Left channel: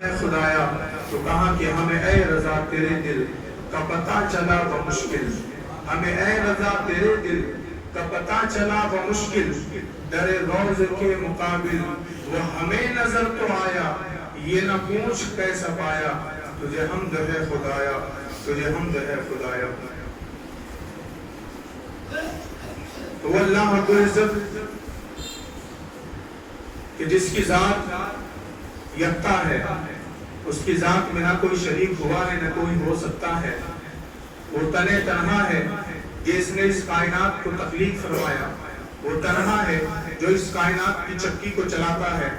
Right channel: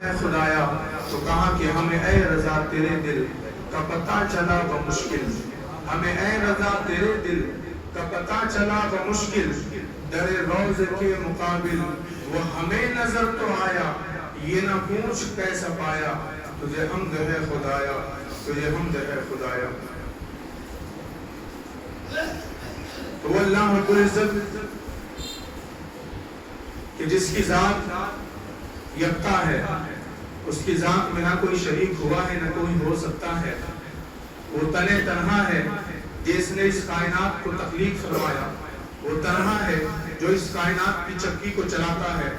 خدایا تو کہا کہ ہمیں اے رضا تیرے دل کا پتہ چلا بمشکل، ہمیں اے رضا تیرے دل کا پتہ چلا بمشکل، در روز کے مقابل وہ ہمیں نظر تو آیا، یہ نہ پوچھ کیسا پایا، تجھے حمد ہے خدایا، تجھے حمد ہے خدایا۔ تو اللہ رب العزت کہ جس کی ذات یکتا ہے، اس کی ذات میں نہ کوئی شریک ہوا ہے نہ کوئی ہو سکتا ہے، وہ تنے تنہا ہے جس نے اس کائنات کو تخلیق فرمایا، وہ تنہا ہے جو اس کائنات کی چکی کو چلاتا ہے،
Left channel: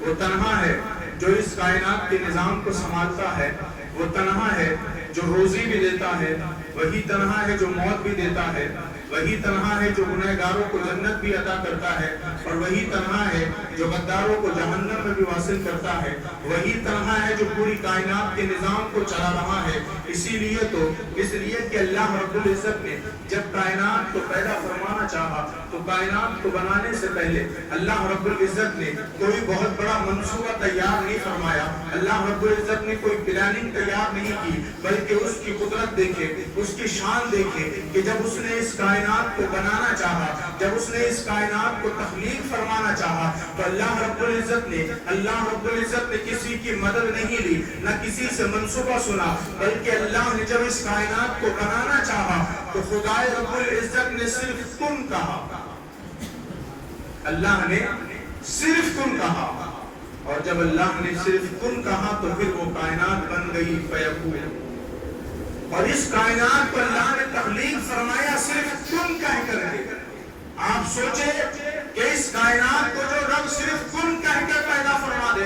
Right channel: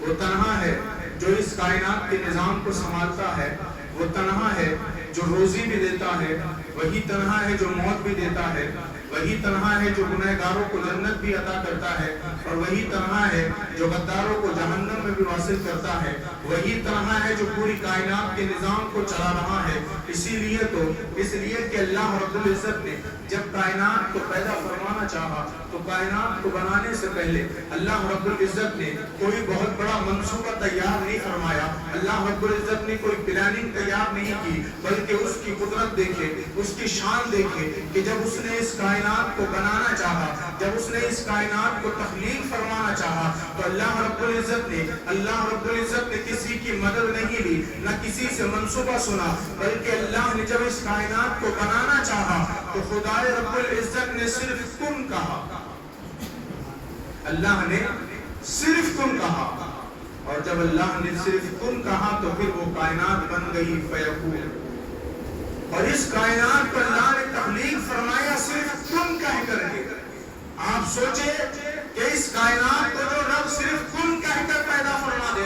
وہ تنہا ہے جو اس کائنات کے نظام کو سنبھالتا ہے، وہ تنہا ہے جو روزی بھی دیتا ہے، وہی تنہا ہے جو موت بھی دیتا ہے، وہی تنہا ہے جو گنہگاروں کو جنت بھی عطا کرتا ہے، اور وہی تنہا ہے جو غداروں کو جہنم میں بھی واصل کرتا ہے، وہی تنہا ہے جو پوری کائنات کے نظام کو چلا رہا ہے۔ اسی لیے کہ اللہ رب العزت نے جب کائنات کو پیدا فرمانا چاہا تو کائنات کو بنانے سے پہلے اللہ رب العزت نے کوئی بہت بڑا منصوبہ تیار نہیں فرمایا، اللہ رب العزت نے کوئی پلاننگ تیار نہیں کی، بلکہ اس کی قدرت دیکھے، اس کی شان دیکھے کہ جب اس نے اس کائنات کو بنانا چاہا، جب اس نے اس کائنات کو تخلیق فرمانا چاہا تو اللہ رب العزت نے کسی کی مدد نہیں لی، نہ کسی سے منصوبہ سنا، بلکہ اللہ نے جب اس کائنات کو بنانا چاہا تو خدا رب العزت نے صرف کن کہا، اللہ نے صرف کن کہا، اور جب اللہ نے صرف کن کہا تو پھر وہ کائنات بن گئی فیکون۔ اور اس کائنات کو اللہ نے تخلیق فرمایا صرف کن کہہ کر کے۔ آپ سوچیں کہ اس کائنات کو جو رب صرف کن کہہ کر پیدا فرما دے،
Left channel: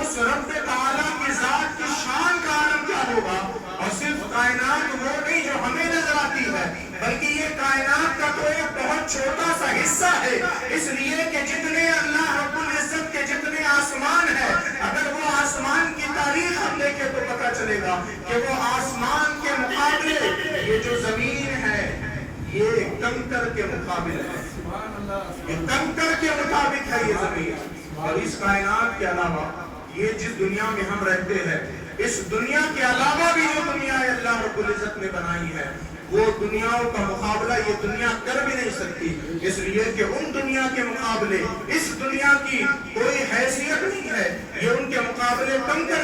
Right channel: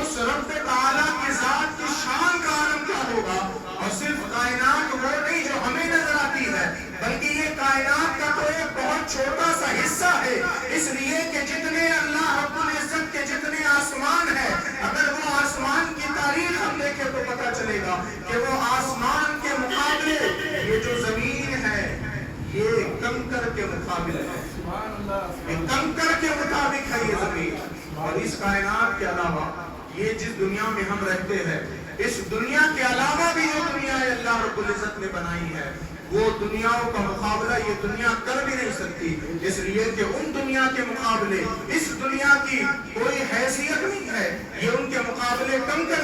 اس رب تعالیٰ کی ذات کی شان کا عالم کیا ہوگا۔ اور صرف کائنات وہ نہیں جو ہمیں نظر آتی ہے، بلکہ یہ کائنات کا تو ایک بہت چھوٹا سا حصہ ہے، اس لیے کہ جتنے اللہ رب العزت کے جتنے آسمان ہیں، اگر وہ آسمان کی تاریخ ہم دیکھیں تو پتہ چلے گا کہ وہ آسمان کے مقابلے یہ جو زمین ہے یہ کنکر کے مقابل ہے، یہ کنکر کے مطابق ہے یہ زمین۔ اور اس کائنات کے علاوہ یہ جس دنیا میں ہم رہتے ہیں، اس دنیا کے علاوہ بھی جو دنیا اللہ رب العزت نے بنائی ہے، وہ دنیاوں کا مقابلہ یہ دنیا کر بھی نہیں سکتی، اس لیے کہ ان دنیا کے مقابلے اس دنیا کی کوئی حیثیت نہیں ہے، یہ ان کے مقابلے کنکر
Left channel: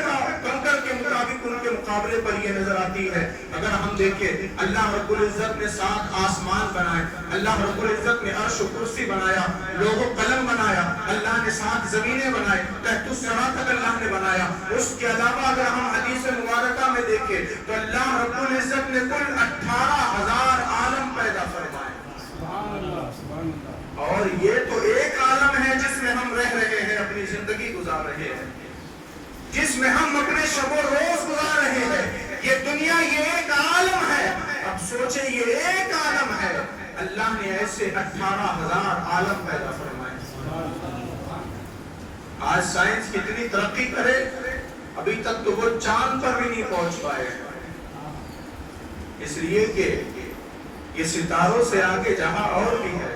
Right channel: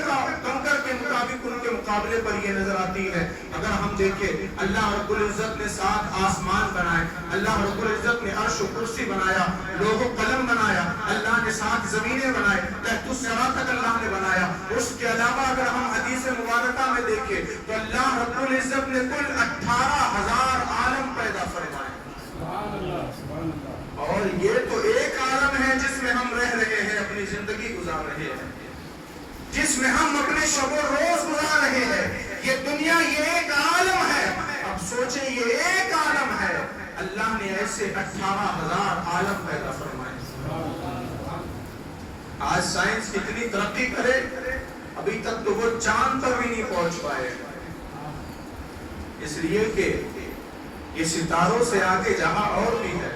کے مطابق ان کے مقابلے پر یہ نظر آتی ہے۔ اگر ہم دیکھیں اللہ رب العزت نے 7 آسمان بنائے، اللہ رب العزت نے عرش و کرسی بنایا، لوح و قلم بنایا، اللہ نے 7 زمینیں بنائے، تحت الثری تک اللہ نے بنایا۔ اس کے علاوہ اگر ہم حدیث مبارکہ میں دیکھیں تو اللہ رب العزت نے کل 18,000 عالم پیدا فرمائے، اور یہ تو ایک عالم ہے جس میں ہم رہ رہے ہیں، اپنی زندگی گزار رہے ہیں، جس میں ہم اپنے شب و روز گزار رہے ہیں۔ یہ دنیا یہ ایک عالم ہے۔ اب سوچیں یہ ایک عالم ہے، اللہ نے ایسے 18,000 عالم پیدا فرمائے۔ آج سائنس کتنی ترقی کرے، ابھی تک تو وہ چاند پر بھی نہیں پہنچ پائے، اس لیے کہ یہ ستاروں سے آگے جہاں اور بھی ہے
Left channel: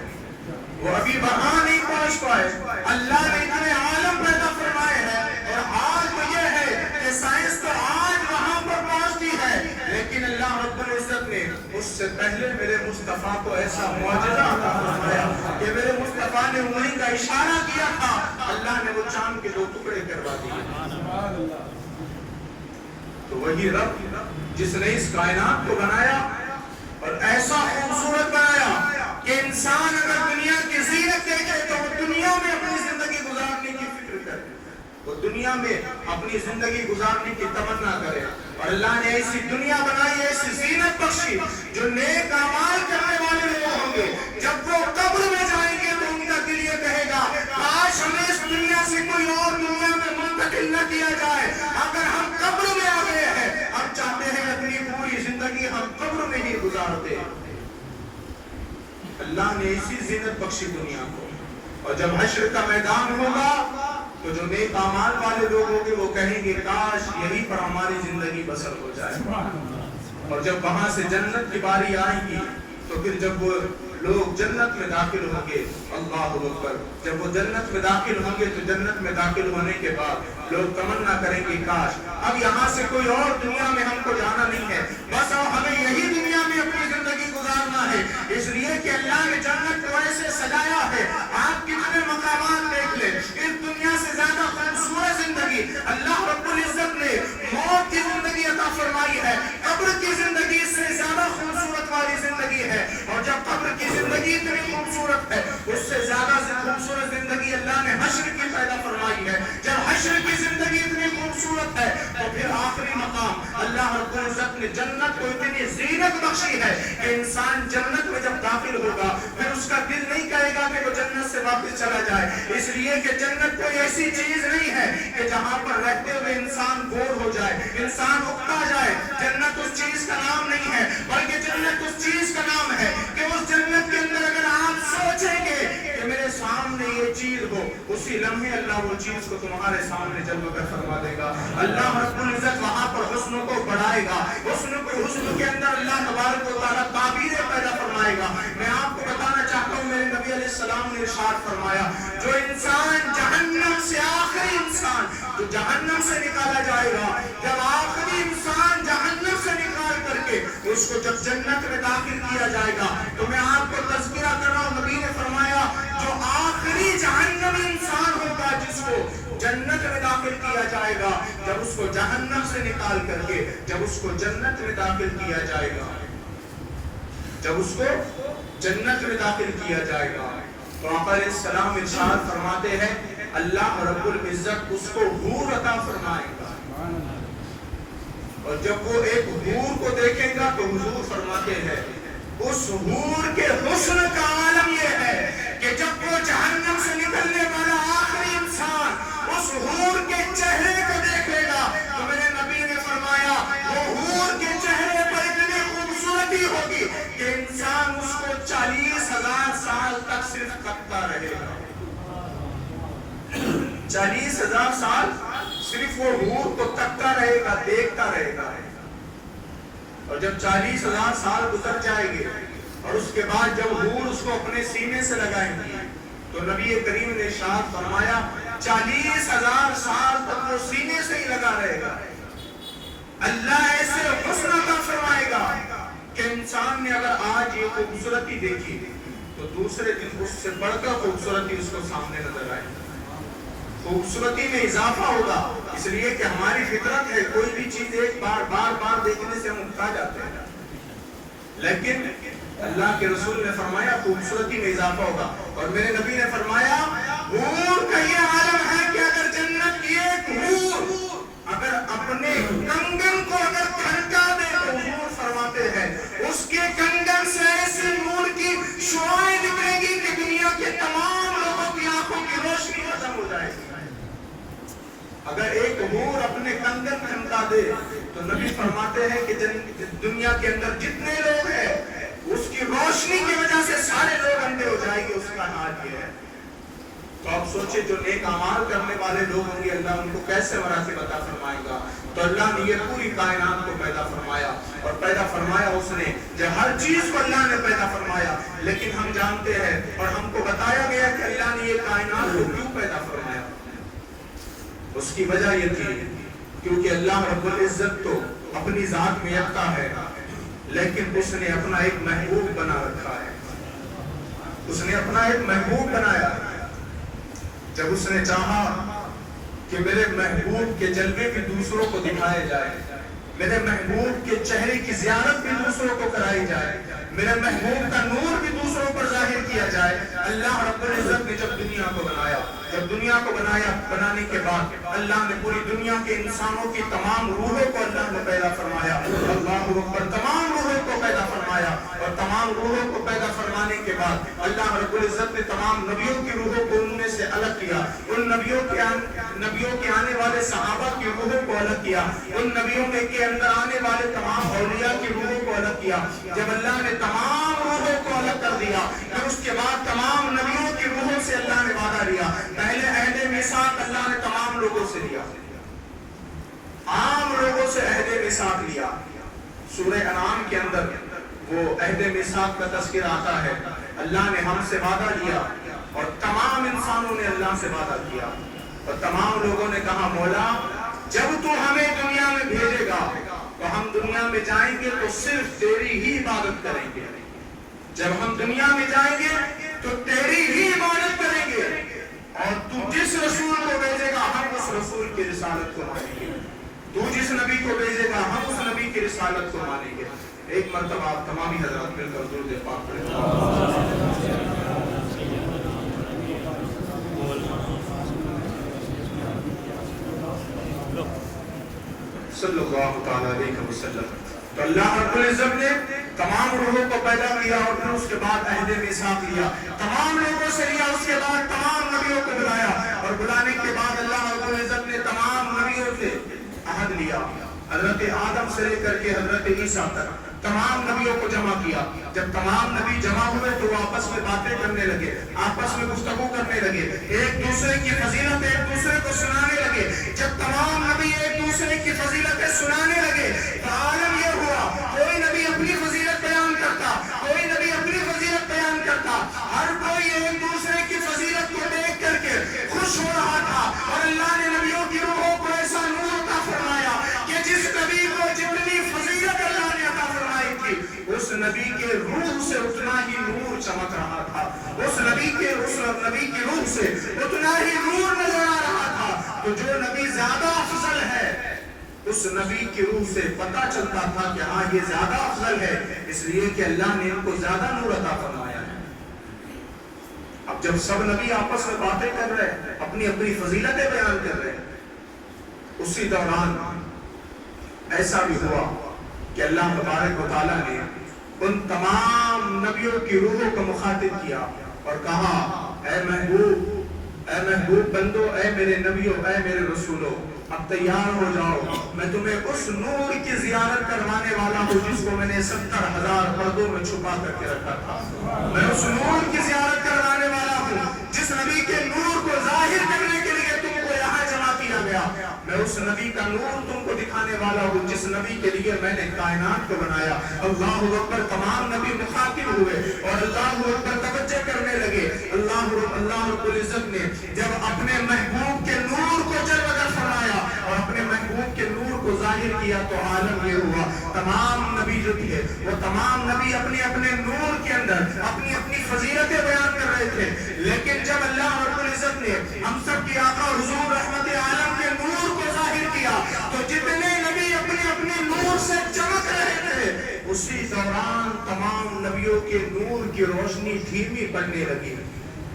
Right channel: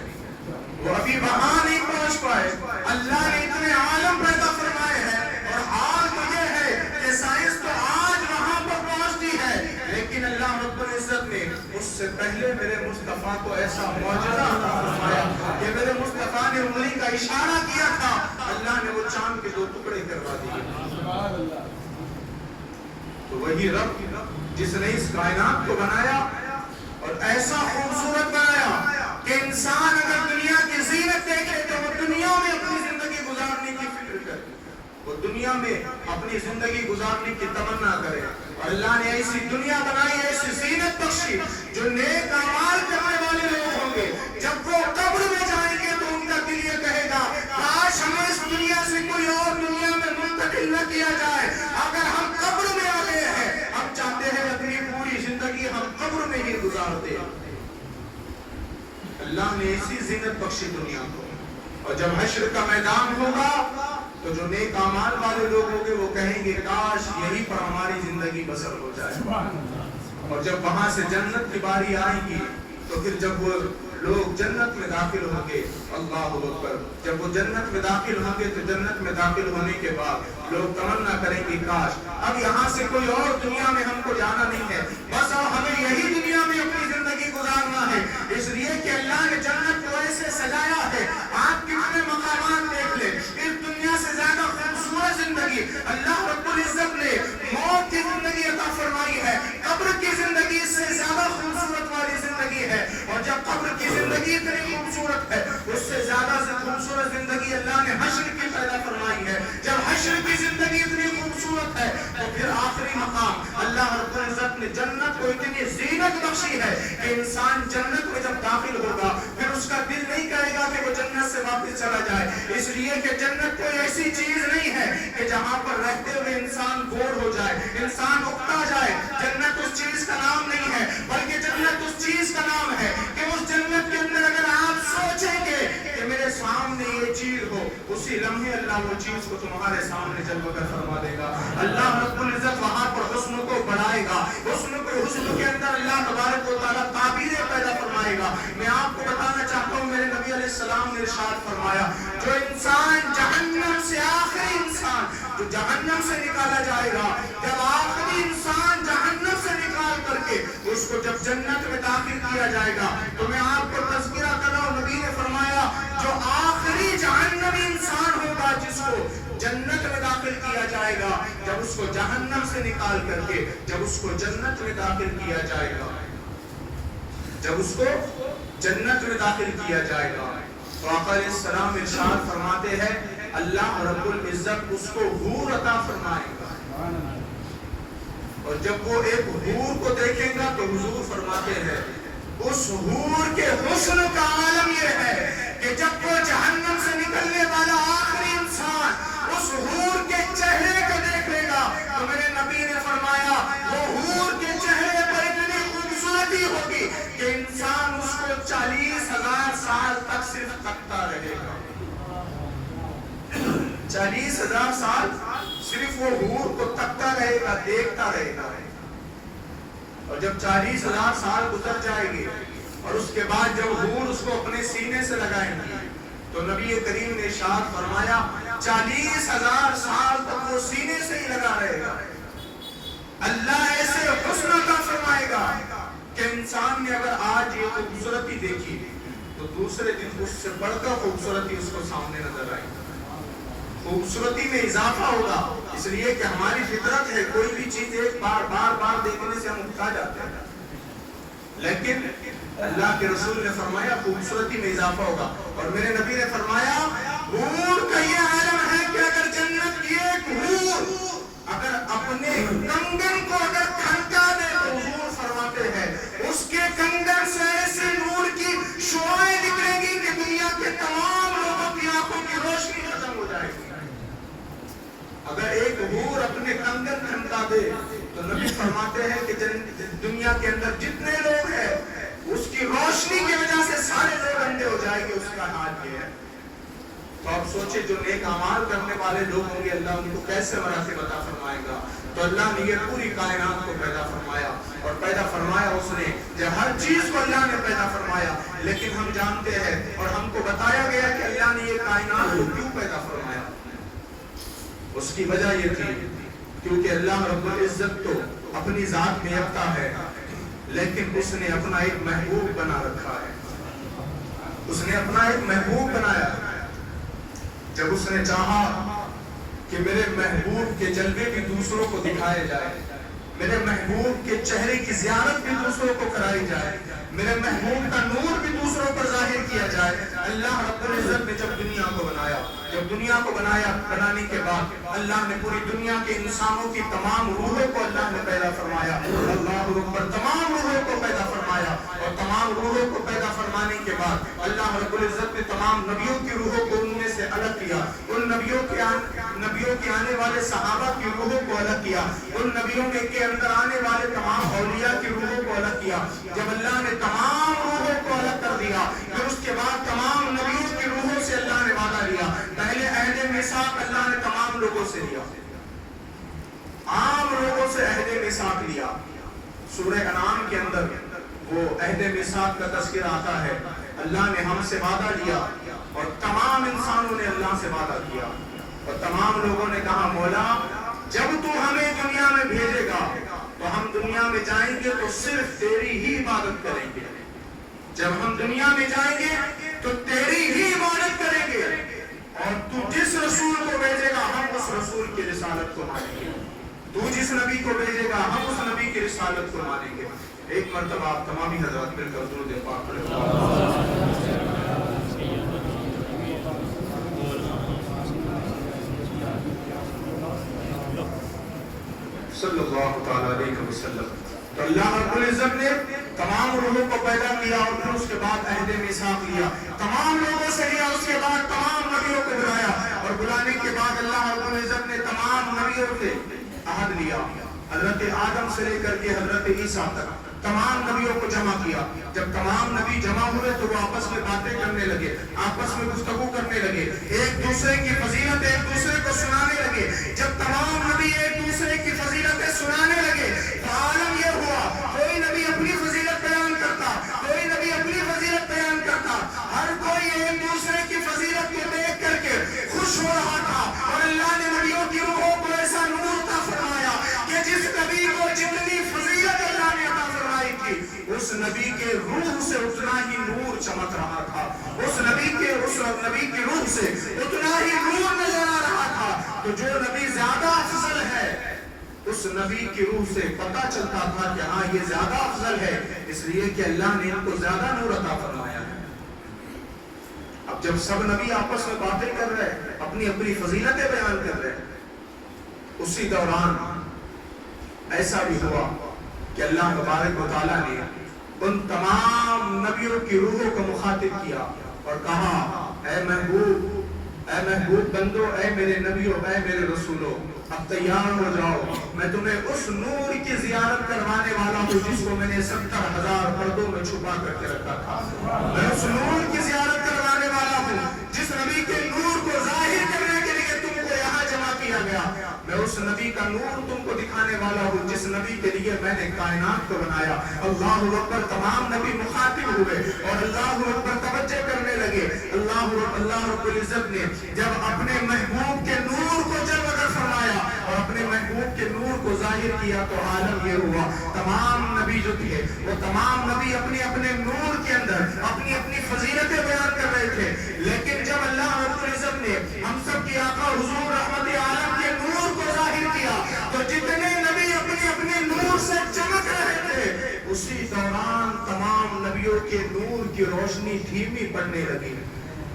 وہ ابھی وہاں نہیں پہنچ پائے۔ اللہ نے اتنے عالم پیدا فرمائے ہیں، اور حال تو یہ ہے کہ سائنس تو آج وہاں پر پہنچتی ہے، لیکن اللہ رب العزت نے اس سے پہلے میرے مصطفیٰ کو ایسا معجزہ عطا فرمایا کہ میرے مصطفیٰ نے انگلی کا اشارہ کیا تھا، اللہ نے وہ چاند کے 2 ٹکڑے کروا دیے۔ تو وہی رب جس نے اس کائنات کو بنایا اور ایسا خوبصورت بنایا کہ انسان اگر دنیا کی زینت دیکھے تو وہ دنیا میں اپنی زندگی گزارنے کی فکر کرے، وہ دنیا میں اپنی زندگی گزارنے کی تمنا کرے۔ اور اللہ نے ایسی دنیا بنائی، ایسی زینت بخشی جو نیک اعمال کرنے والے لوگ ہوں گے، جب وہ قبر میں جائیں گے تو ان کا دل یہ کہے گا کاش ہمیں اس دنیا سے کوئی اور دنیا میں منتقل نہ کیا جائے۔ اگر ہم قبر میں آ گئے ہیں، ہم چاہتے ہیں اپنی پوری زندگی ہم قبر میں ہی گزارتے۔ اللہ نے ایسی زینت بخشی دنیا کو، اور جب حشر کا میدان ہوگا تو جو نیک اعمال والے لوگ ہوں گے وہ کہیں گے کاش یہی پر ہماری زندگی بسر ہو جائے۔ اور جب وہاں سے جنت کی باری آئے گی تو پھر جب وہ لوگ جنت میں داخل ہوں گے. اللہ اکبر. جب وہ جنت میں داخل ہوں گے تو جنت میں داخل ہونے کے بعد لوگ تمنا کریں گے کاش اب یہاں سے کوئی اور دنیا میں ہم کو جانا نہیں ہے, بس اب ہمیں یہی دنیا میں اپنی زندگی گزارنا ہے. اس لیے کہ اللہ نے جنت کو ایسے سجایا ہے. آپ کتنے مقامات دیکھ لیں, اس دنیا سے زیادہ خوبصورت زندگی اللہ رب العزت نے موت کی زندگی عطا فرمائی ہے. قبر کی زندگی سے زیادہ خوبصورت والی زندگی ہے, اور جب قبر کی زندگی اتنی خوبصورت ہے اس سے زیادہ خوبصورت زندگی اللہ نے حشر کی پیدا فرمائی ہے. جب حشر کی زندگی اتنی خوبصورت ہے تو پھر آخری مقام اللہ رب العزت نے جنت کو اتنی زینت بخشی ہے کہ انسان جنت میں جب داخل ہوگا پھر اس کا دل نہیں کرے گا کہ وہ جنت سے واپس چلا جائے, اس لیے کہ جنت کوئی ایسی چیز نہیں ہے کہ جہاں پر رہتے ہوئے انسان بور ہو جائے, انسان اکتا جائے. جنت اس چیز کا نام نہیں ہے, بلکہ جنت اس چیز کا نام ہے کہ اس جنت کے اندر اگر آپ سوچیں گے کہ میرے سامنے یہ چیز ہو, اسی لمحے اللہ وہ چیز کو تمہارے سامنے جلوہ فرما دے گا. اللہ رب العزت وہاں پر حسن کو بڑھائے گا, حسن کے اندر اللہ تبارک و تعالیٰ تعبیریں پیدا فرمائے گا. میں آپ کو بتانا چاہتا ہوں میرے نبی علیہ السلام نے ارشاد فرمایا جو انسان جہنم سے, آخری انسان جو جہنم سے نکالا جائے گا, جب آخری انسان جہنم سے نکال کر کے اس کو جب جنت میں داخل کیا جائے گا تو میں آپ کو تذکرہ کر رہا ہوں, نبی نے فرمایا جو آخری جہنمی انسان ہوگا جس کو جنت میں داخل کیا جائے گا, جب اس کو جہنم سے نکال کر کے جب اس کو جنت میں داخل کیا جائے گا, جب اس کو جنت میں داخل کیا جائے گا تو آقا علیہ السلام ارشاد فرماتے ہیں اللہ رب العزت اس کو حور عطا فرمائے گا. اور جب وہ ایک حور کو دیکھیں گا تو حضور فرماتے ہیں اس حور کے حسن کا عالم یہ ہے کہ جب وہ جہنم سے نکلنے والا آخری انسان اس حور کے چہرے کو دیکھ لے گا تو میرے نبی نے فرمایا وہ حور کے چہرے پر اتنی خوبصورتی ہوگی کہ انسان اس کو 40,000 سال تک صرف تکتا رہے گا. 40,000 سال صرف وہ حور کو تکتا رہے گا, دیکھتا رہے گا. اور جب 40,000 سال گزر جائے گے اور اس کے بعد جب حور اس کو اپنے سینے سے لگائیں گی تو نبی کریم نے ارشاد فرمایا 40,000 سال تک وہ سینے سے ہی لگا رہے گا. اللہ ایسے حسن عطا فرمائے گا کہ انسان نے اگر آج یہ خوبصورتی دیکھی تو دوسرے دن اس سے بڑھ کر خوبصورتی اس کو سامنے نظر آئے گی. خوبصورتی میں اضافہ ہوگا, اس لیے کہ ہماری فطرت ہے کوئی بھی چیز ایک بار بار بار دیکھنے سے ہم اکتا جاتے ہیں, لیکن اللہ کے رسول نے فرمایا خوبصورتی میں اضافہ ہوگا. اور میرے نبی نے فرمایا حور کا یہ عالم ہے کہ اگر جنت کی ایک حور اگر اپنے کنگن کو اگر کھڑکا دے تو حور فرماتے ہیں اس کے کنگن سے ایسے نور کی شعاعیں نکلے گی کہ دنیا کے تمام لوگوں کی آنکھوں کی روشنی ختم ہو جائے گی. اگر ایک حور اپنے کنگن کھڑکا دے تو نبی فرماتے ہیں کہ دنیا کے اندر جتنے لوگ ہیں اس کی روشنی کی وجہ سے سارے لوگ اندھے ہو جائیں گے. اس کا حال یہ ہے. تو آپ سوچیں جو نیک اعمال کرنے والے لوگ ہوں گے اللہ ان کو کیسے مراتب عطا فرمائے گا. تو اللہ نے یہ پوری کائنات کو پیدا فرمایا اور پیدا فرمایا اس نے جو ہر چیز کو اللہ نے پیدا فرمایا, لیکن ہم جانتے ہیں اور ہم کو بتایا گیا کہ اللہ نے یہ کائنات کو کیوں پیدا فرمایا. اس کی وجہ یہ تھی کیونکہ اللہ رب العزت تو اپنی ذات میں یکتا ہے, لیکن اس نے اپنا ایک محبوب بنا رکھا ہے. اس نے اپنا ایک محبوب بنایا. جب اس نے چاہا کہ میرے محبوب کے جلوے بھی دوسروں کو دکھائے جائے, میرے محبوب کے چہرے کی زیارت بھی دوسروں کو کرائی جائے, میرے محبوب کا نور بھی دوسروں پر ظاہر کیا جائے, اللہ رب العزت نے جب دنیا کو بنایا, جب دنیا کو بنانے کے بعد اللہ نے پوری دنیا کے انسانوں کی تمام روحوں کو اللہ نے پیدا فرمایا. اللہ اکبر. تمام روحوں کو پیدا فرمایا اور تمام روحوں کو پیدا فرمانے کے بعد اللہ رب العزت نے تمام نبیوں کی روحوں کو ان میں سے الگ کیا. ان نبیوں کے آنے والے صحابہ کی روحوں کو الگ کیا. ان نبیوں کے اندر آنے والے تمام اولیاء کی روحوں کو الگ کیا. جب اللہ نے تمام روحوں کو الگ کر دیا پھر اس کے بعد تمام نبیوں کی روحوں سے اللہ نے وعدہ لیا. پہلے عہد میثاق اللہ نے تمام لوگوں سے لیا, عام لوگوں سے عہد میثاق لیا. سورہ انعام کے اندر وہ عہد میثاق کا تذکرہ آتا ہے. اللہ نے ہم سے وعدہ لیا اور تمام انسانوں نے اللہ سے وعدہ کیا، اور تمام لوگوں نے کہا مولا جب تو ہمیں دنیا میں بھیجے گا تو ہم دنیا میں جائیں گے تو صرف تیری ہی عبادت کریں گے، جب ہم دنیا میں جائیں گے تو تیری ہی عبادت کریں گے، اور تو جس رسول کو بھیجے گا ہم اس رسول کی رسالت کو مانیں گے، تو جس نبی کو بھیجے گا ہم اس نبی کی رسالت کو مانیں گے۔ ایک مرتبہ آپ تمامی حضرات مل کر درود پاک پڑھیں۔ صلی اللہ تعالیٰ علیہ وسلم۔ تو اللہ رب العزت نے تمام روحوں کو پیدا کیا اور پھر اس کے بعد عہد میثاق لیا، تمام لوگوں سے لیا، اس کے بعد تمام نبیوں کو بلایا، اور بلانے کے بعد اللہ رب العزت نے تمام نبیوں سے عہد لیا، حضرت آدم سے لے کر کے حضرت عیسیٰ تک تمام نبیوں کو جمع کیا۔ جب تمام نبی جمع ہوئے تو وہ آپس میں باتیں کرنے لگے، آپس میں گفتگو کرنے لگے، ایک دوسرے کی فضیلت ایک دوسرے کو سنانے لگے۔ جب تمام نبی ایک دوسرے کی فضیلتیں سنانے لگے تو عالم یہ ہوا، کوئی نبی اپنی فضیلت بیان کرتا، کوئی نبی اپنی فضیلت بیان کرتا، ہر کوئی ایک دوسرے کی فضیلت کو دیکھ کر کے خوش ہو رہا تھا، اور اللہ نے نبیوں کی روحوں کو ایسا نور عطا فرمایا کہ جس نبی کو جتنی فضیلت اللہ نے عطا فرمائی تھی اس نبی کے روح سے اتنا ہی نور چمک رہا تھا، اس نبی کی روح سے اتنا ہی نور نظر آ رہا تھا۔ تو جو نبی زیادہ افضل ہے اس نبی کی روح سے پتہ چلتا تھا کہ ہاں یہ زیادہ افضل ہے، اس لیے کہ اللہ نے ان کو زیادہ نور عطا فرمایا ہے۔ اب جب سب نبی آپس میں باتیں کر رہے ہیں، اپنی اپنی فضیلتیں بیان کر رہے ہیں، اسی دوران ایسا بھی ہوا کہ اللہ تبارک و تعالیٰ نے ان تمام نبیوں کی روحوں کو مخاطب کیا اور کہا اے محبوب بندو، اے میرے نبیوں، اے میرے رسولوں، اب تیار ہو جاؤ، میں تمہیں اس نور کی زیارت کروانے والا ہوں جس کو میں نے 70,000 پردوں میں چھپا کر کے رکھا تھا۔ میں اس نور کی زیارت کروانے والا ہوں جس نبی کے نور کو ظاہر کرنے کے لیے تم کو یہاں جمع کیا گیا۔ میں اس نبی کا نور تم کو دکھانے والا ہوں جس نبی کے لیے میں نے کائنات کو بنایا۔ اللہ اکبر، تمام نبی مخاطب ہوئے اور اللہ اکبر توجہ کرنے لگے۔ اللہ رب العزت نے جب اپنے محبوب کے نور کو جلوہ فرمایا اور اپنے محبوب کے نور کو ظاہر کیا تو عالم یہ ہوا، تمام نبی جو تھے وہ تمام نبی اپنے اپنے نور کے اندر اپنی اپنی فضیلتیں بیان کر رہے تھے، لیکن جب اللہ رب العزت نے ہم سب کی آقا حضور رحمت عالم کے نور کو ظاہر کیا تو جتنے نبی اپنے اپنے نور سے چمک رہے تھے اسی دوران تمام نبیوں کے نور کی روشنی دھیمی پڑنے لگی،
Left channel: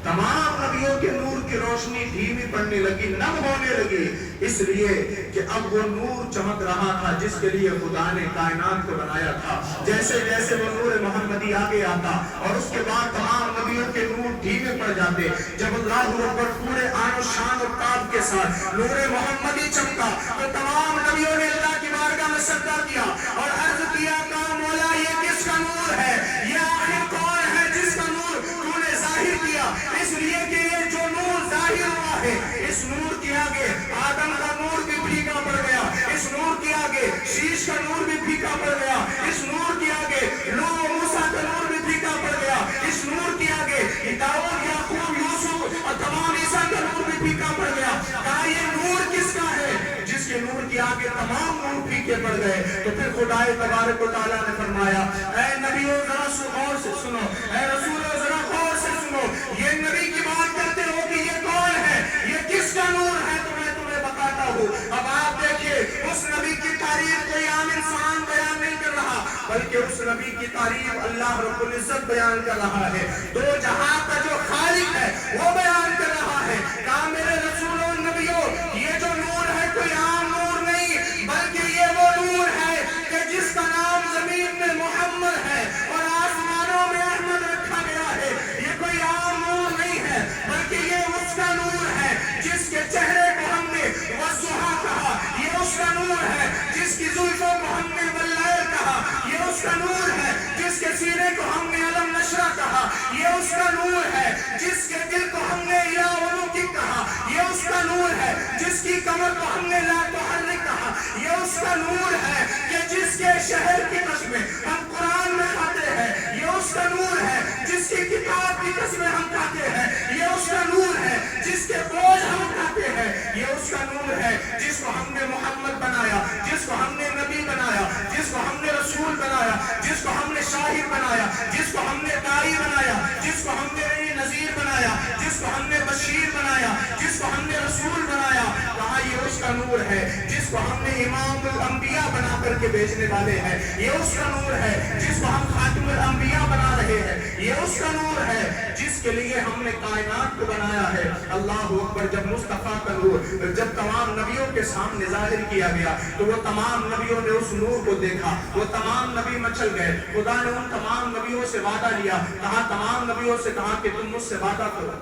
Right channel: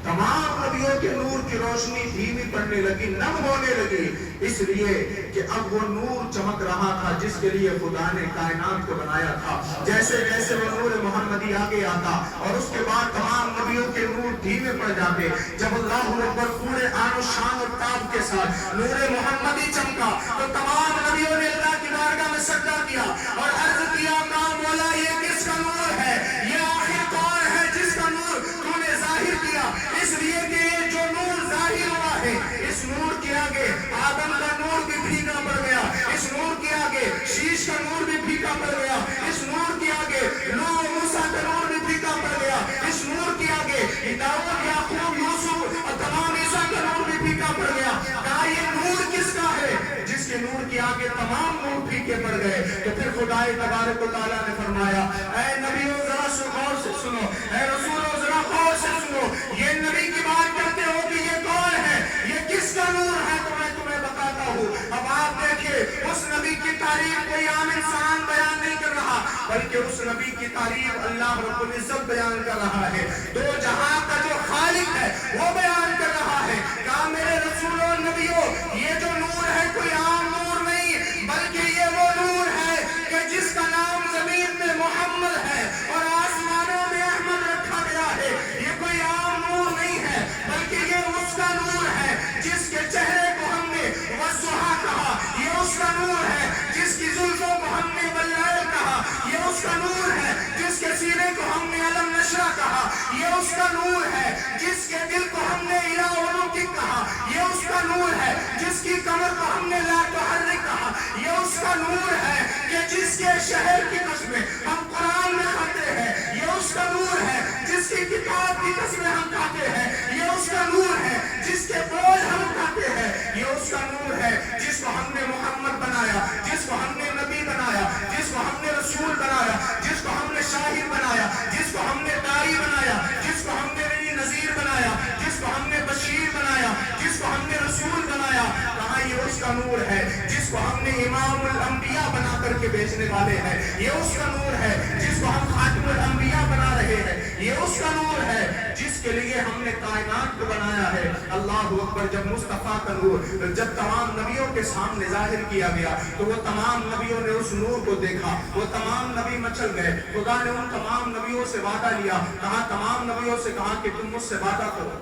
تمام نبیوں کے نور کی روشنی دھیمی پڑنے لگی، نم ہونے لگی، اس لیے کہ اب وہ نور چمک رہا تھا جس کے لیے خدا نے کائنات کو بنایا تھا۔ جیسے جیسے وہ نور محمدی آگے آتا اور اس کے بعد تمام نبیوں کے نور دھیمے پڑ جاتے، جب اللہ اکبر پورے آن و شان و تاب کے ساتھ نور محمدی چمکا تو تمام نبیوں نے اللہ کی بارگاہ میں سجدہ کیا اور عرض کیا کہ مولا یہ کس کا نور ہے، یہ آخر کون ہے جس کا نور تو نے ظاہر کیا، اس لیے کہ یہ جو نور ظاہر ہوا ہے اس نور کے آگے آدم کا نور بھی پھیکا پڑ گیا، اس نور کے آگے شیش کا نور بھی پھیکا پڑ گیا، اس نور کے آگے نوح و موسیٰ کا نور بھی پھیکا پڑ گیا، اس نور کے آگے داؤد، یعقوب، یوسف اور تمام عیسیٰ کا نور بھی پھیکا پڑ گیا۔ کہا یہ نور کس کا ہے؟ جس کے نور کے آگے تمام نور پھیکے پڑ گئے۔ تو پھر خدائے تبارک و تعالیٰ نے فرمایا اے نبیوں ذرا غور سے سنو، اے رسولوں ذرا غور سے سنو، یہ نبی کی بات کرتے ہو کہ یہ کون ہے، یہ کس کا نور ہے، تو میں تمہیں بتاتا ہوں۔ اب آپ دیکھیں اس نبی کی تعریف کوئی عام انسان بیان نہیں کر رہا بلکہ اس نبی کی تعریف اللہ رب العزت بیان کر رہا ہے، دو جہاں کا جو خالق ہے وہ بیان کر رہا ہے۔ کہا میرے رسولوں نبیوں یہ جو نور ہے کوئی عام نور نہیں بلکہ یہ وہ نور ہے کہ جس کا نام زمین میں محمد ہے اور آسمانوں میں احمد رکھا گیا ہے۔ یہ کوئی عام نور نہیں ہے بلکہ یہ اس کا نور ہے جس کے چہرے کو ہم نے والضحیٰ کہا، یہ اس کا نور ہے جس کی زلفوں کو ہم نے واللیل کہا، یہ اس کا نور ہے جس کے سینے کو ہم نے علم نشرہ کہا، یہ اس کا نور ہے جس کے دل کو ہم نے الہ ولوک کہا، یہ اس کا نور ہے جس کی کمر کو ہم نے لا تحرک کہا، یہ اس کا نور ہے کہ جس کے شہر کی قسمیں ہم قرآن میں کھاتے ہیں، یہ اس کا نور ہے جس کی کتاب کی قسمیں ہم کھاتے ہیں، یہ اس کا نور ہے جس کے بوجھ ہم اٹھاتے ہیں، یہ اس کا نور ہے جس کو ہم نے محمد بنایا، جس کو ہم نے نبی بنایا، جس کو ہم نے رسول بنایا، جس کو ہم نے شاہد بنایا، جس کو ہم نے داعی بنایا، جس کو ہم نے نذیر بنایا، جس کو ہم نے بشیر بنایا، جس کو ہم نے رسول بنایا۔ کہاں یہ اس کا نور ہے جس کو ہم نے امام الانبیاء بنا کر کے بیچنے والے ہیں، یہ اس کا نور ہے جس کو ہم خاتم الانبیاء بنا رہے ہیں، یہ اس کا نور ہے جس کے لیے ہم نے کائنات کو بنایا ہے۔ اللہ اکبر۔ جب مصطفیٰ کا نور جب تمام نبیوں کے سامنے ظاہر کیا گیا تو وہ تمام نبیوں نے اس نور کو دیکھا، وہ تمام نبی مچل گئے۔ خدا نے ان تمام نبیوں سے وعدہ لیا، کہا تمام نبیوں سے کہا کہ تم مجھ سے وعدہ کرو۔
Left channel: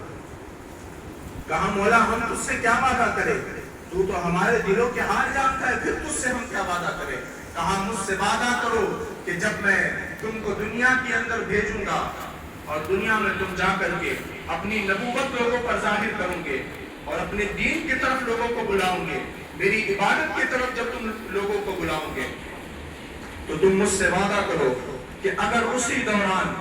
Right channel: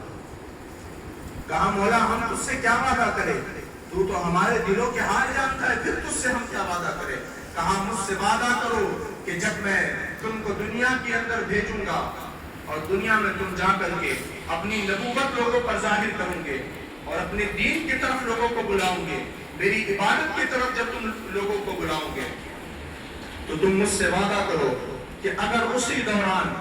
کہا مولا ہم تجھ سے کیا وعدہ کریں، تو ہمارے دلوں کے حال جانتا ہے، پھر تجھ سے ہم کیا وعدہ کریں۔ کہا مجھ سے وعدہ کرو کہ جب میں تم کو دنیا کے اندر بھیجوں گا اور دنیا میں تم جا کر کے اپنی نبوت لوگوں پر ظاہر کروں گے اور اپنے دین کی طرف لوگوں کو بلاؤں گے، میری عبادت کی طرف جب تم لوگوں کو بلاؤں گے تو تم مجھ سے وعدہ کرو کہ اگر اسی دوران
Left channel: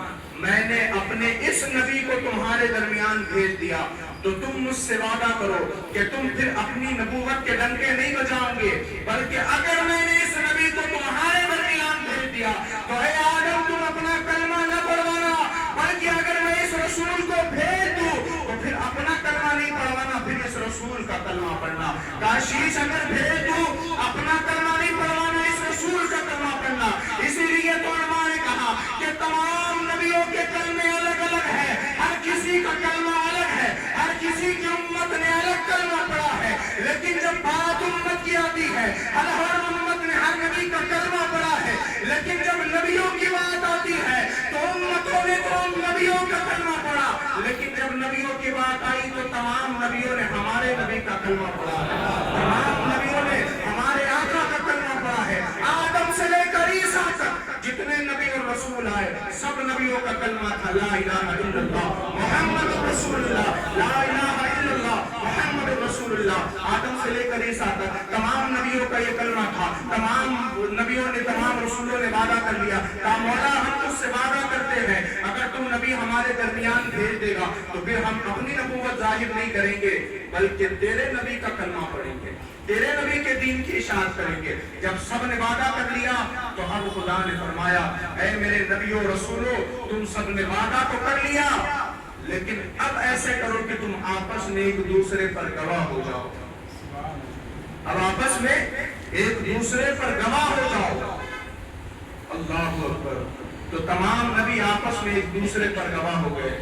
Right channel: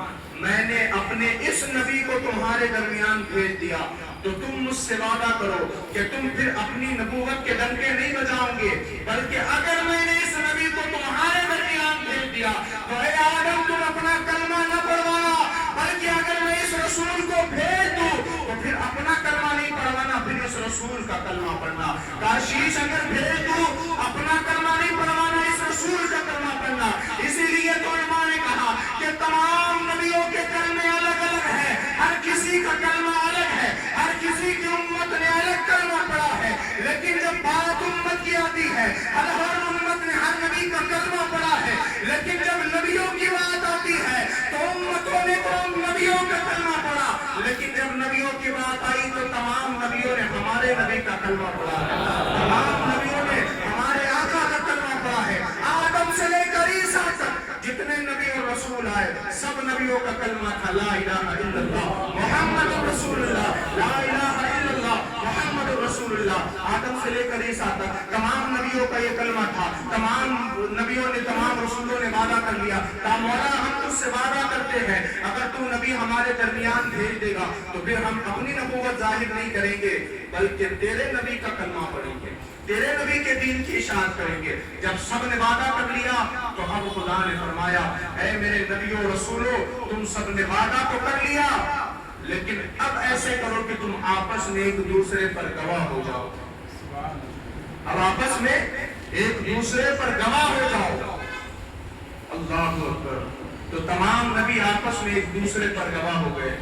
میں نے اپنے اس نبی کو تمہارے درمیان بھیج دیا تو تم مجھ سے وعدہ کرو کہ تم پھر اپنی نبوت کے ڈنکے نہیں بجاؤ گے، بلکہ اگر میں نے اس نبی کو تمہارے درمیان بھیج دیا تو اے آدم تم اپنا کلمہ نہ پڑھوانا، بلکہ اگر میں اس رسول کو بھیج دوں تو پھر اپنا کلمہ نہیں پڑھوانا، پھر اس رسول کا کلمہ پڑھنا۔ کاشیش اگر بھیج دوں اپنا کلمہ نہیں پڑھوانا، اس رسول کا کلمہ پڑھنا۔ اسی لیے تو علماء نے کہا کہ تمام نبیوں کے کلمے الگ الگ ہیں، ہر کسی کا کلمہ الگ ہے، ہر کسی کی امت نے الگ کلمہ پڑھا ہے، لیکن جب بات امت کی آتی ہے ہر امت نے ہر نبی کا کلمہ پڑھا ہے، لیکن جب نبیوں کی بات آتی ہے تو امتوں نے تو نبیوں کا کلمہ پڑھا، لیکن جب نبیوں کی بات آئی تو تمام نبیوں نے ہمارے نبی کا کلمہ پڑھا ہے، تمام نبیوں نے ہمارے آقا کا کلمہ پڑھا ہے۔ آدم سے لے کر عیسیٰ تک جتنے نبی اور رسول آئے سب نبیوں کا کلمہ تھا لا الہ الا اللہ محمد رسول اللہ، لا الہ الا اللہ محمد رسول اللہ۔ آدم سے لے کر عیسیٰ تک تمام نبیوں کا یہ کلمہ تھا، تمام نبیوں نے تمام رسولوں نے وعدہ کر لیا، کہا مولا ہم تجھ سے وعدہ کرتے ہیں اگر تو نبی ہمارے درمیان بھیج دے گا تو پھر ہم اپنی نبوت ظاہر نہیں کریں گے بلکہ تیرے نبی کا کلمہ پڑھیں گے، تیرے نبی کے دین کی اشاعت کریں گے۔ جب سب نے وعدہ کر لیا تو اب خدا نے فرمایا اے میرے نبیوں رسولوں تم سب نے وعدہ تو کر لیا لیکن اب ایسے کرو کہ تم آپس میں ایک دوسرے پر گواہ ہو جاؤ، اب آپس میں ایک دوسرے پر گواہ ہو جاؤ۔ اللہ اکبر۔ تو تمام نبی آپس میں ایک دوسرے پر گواہ ہو گئے۔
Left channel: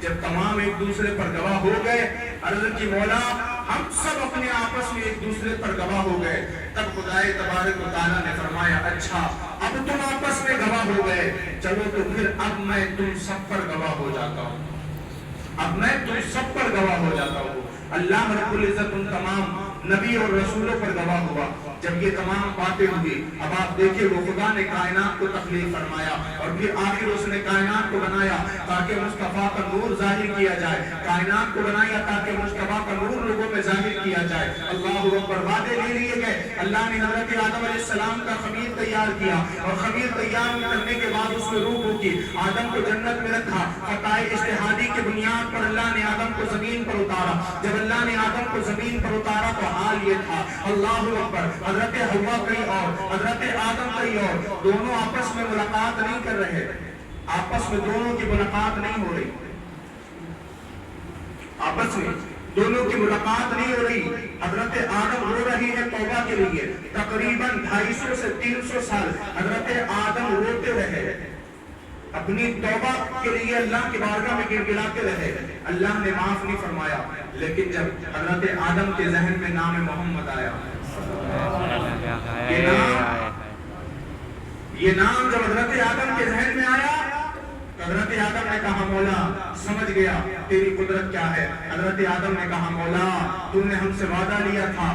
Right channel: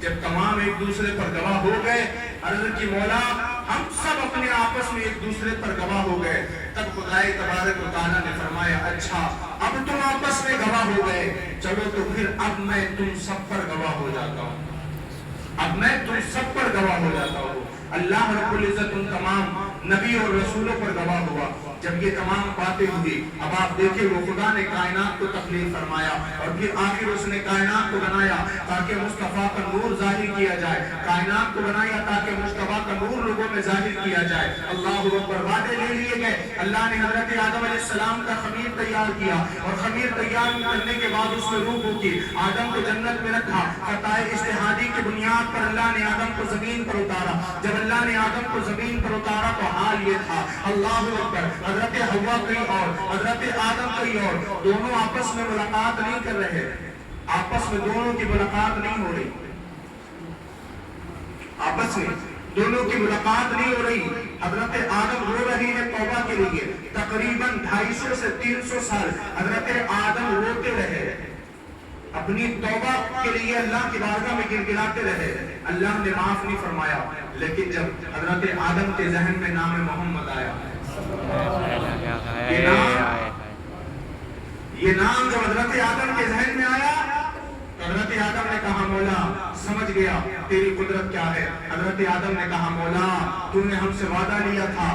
جب تمام ایک دوسرے پر گواہ ہو گئے، عرض کی مولا ہم سب اپنے آپس میں ایک دوسرے پر گواہ ہو گئے، تب خدائے تبارک و تعالیٰ نے فرمایا اچھا اب تم آپس میں گواہ ہو گئے، چلو تو پھر اب میں تم سب پر گواہ ہو جاتا ہوں، اب میں تم سب پر گواہ ہو جاتا ہوں۔ اللہ رب العزت ان تمام نبی اور رسولوں پر گواہ ہوا۔ جب یہ تمام باتیں ہوئی اب آپ دیکھیں وہ خدا نے کائنات کو تخلیق فرمایا اور پھر آخر اس نے کائنات کو بنایا تاکہ مصطفیٰ کا نور ظاہر کیا جائے، کائنات کو بنایا تاکہ مصطفیٰ کا نور لوگوں میں ظاہر کیا جائے۔ اللہ اکبر۔ وعدے لے لیے گئے، اللہ نے حضرت آدم علیہ السلام کا خمیر تیار کیا اور خمیر تیار کرنے کے بعد اس میں روح ہوگی، آدم کو جنت میں رکھا، خطائے اجتہادی کی بنیاد پر اللہ نے آدم کو زمین پر اتارا۔ جب اللہ نے آدم کو زمین پر اتارا تو حال یہ تھا، اللہ اکبر، حضرت حوا کہیں اور حضرت آدم کہیں اور، دونوں آپس میں ملاقات نہیں کر رہے، آپس میں دونوں کی ملاقات نہیں ہو رہی، آپس میں دونوں کی ملاقات نہیں ہو رہی۔ حضرت آدم رو رہی ہے توبہ کے لیے، تقریباً 250 سے 300 سال حضرت آدم روتے رہے، اپنی توبہ کے لیے اللہ کی بارگاہ میں گڑگڑاتے رہے، اللہ نے معاف نہیں فرمایا۔ لیکن جب حضرت آدم کے ذہن میں نام محمد آیا، یہ نام جب حضرت آدم کے ذہن میں آیا تو حضرت آدم نے کہا مولا سمجھ گیا تیری قدرت کیا ہے۔ حضرت آدم نے کہا مولا تو نے ہم سے وعدہ لیا تھا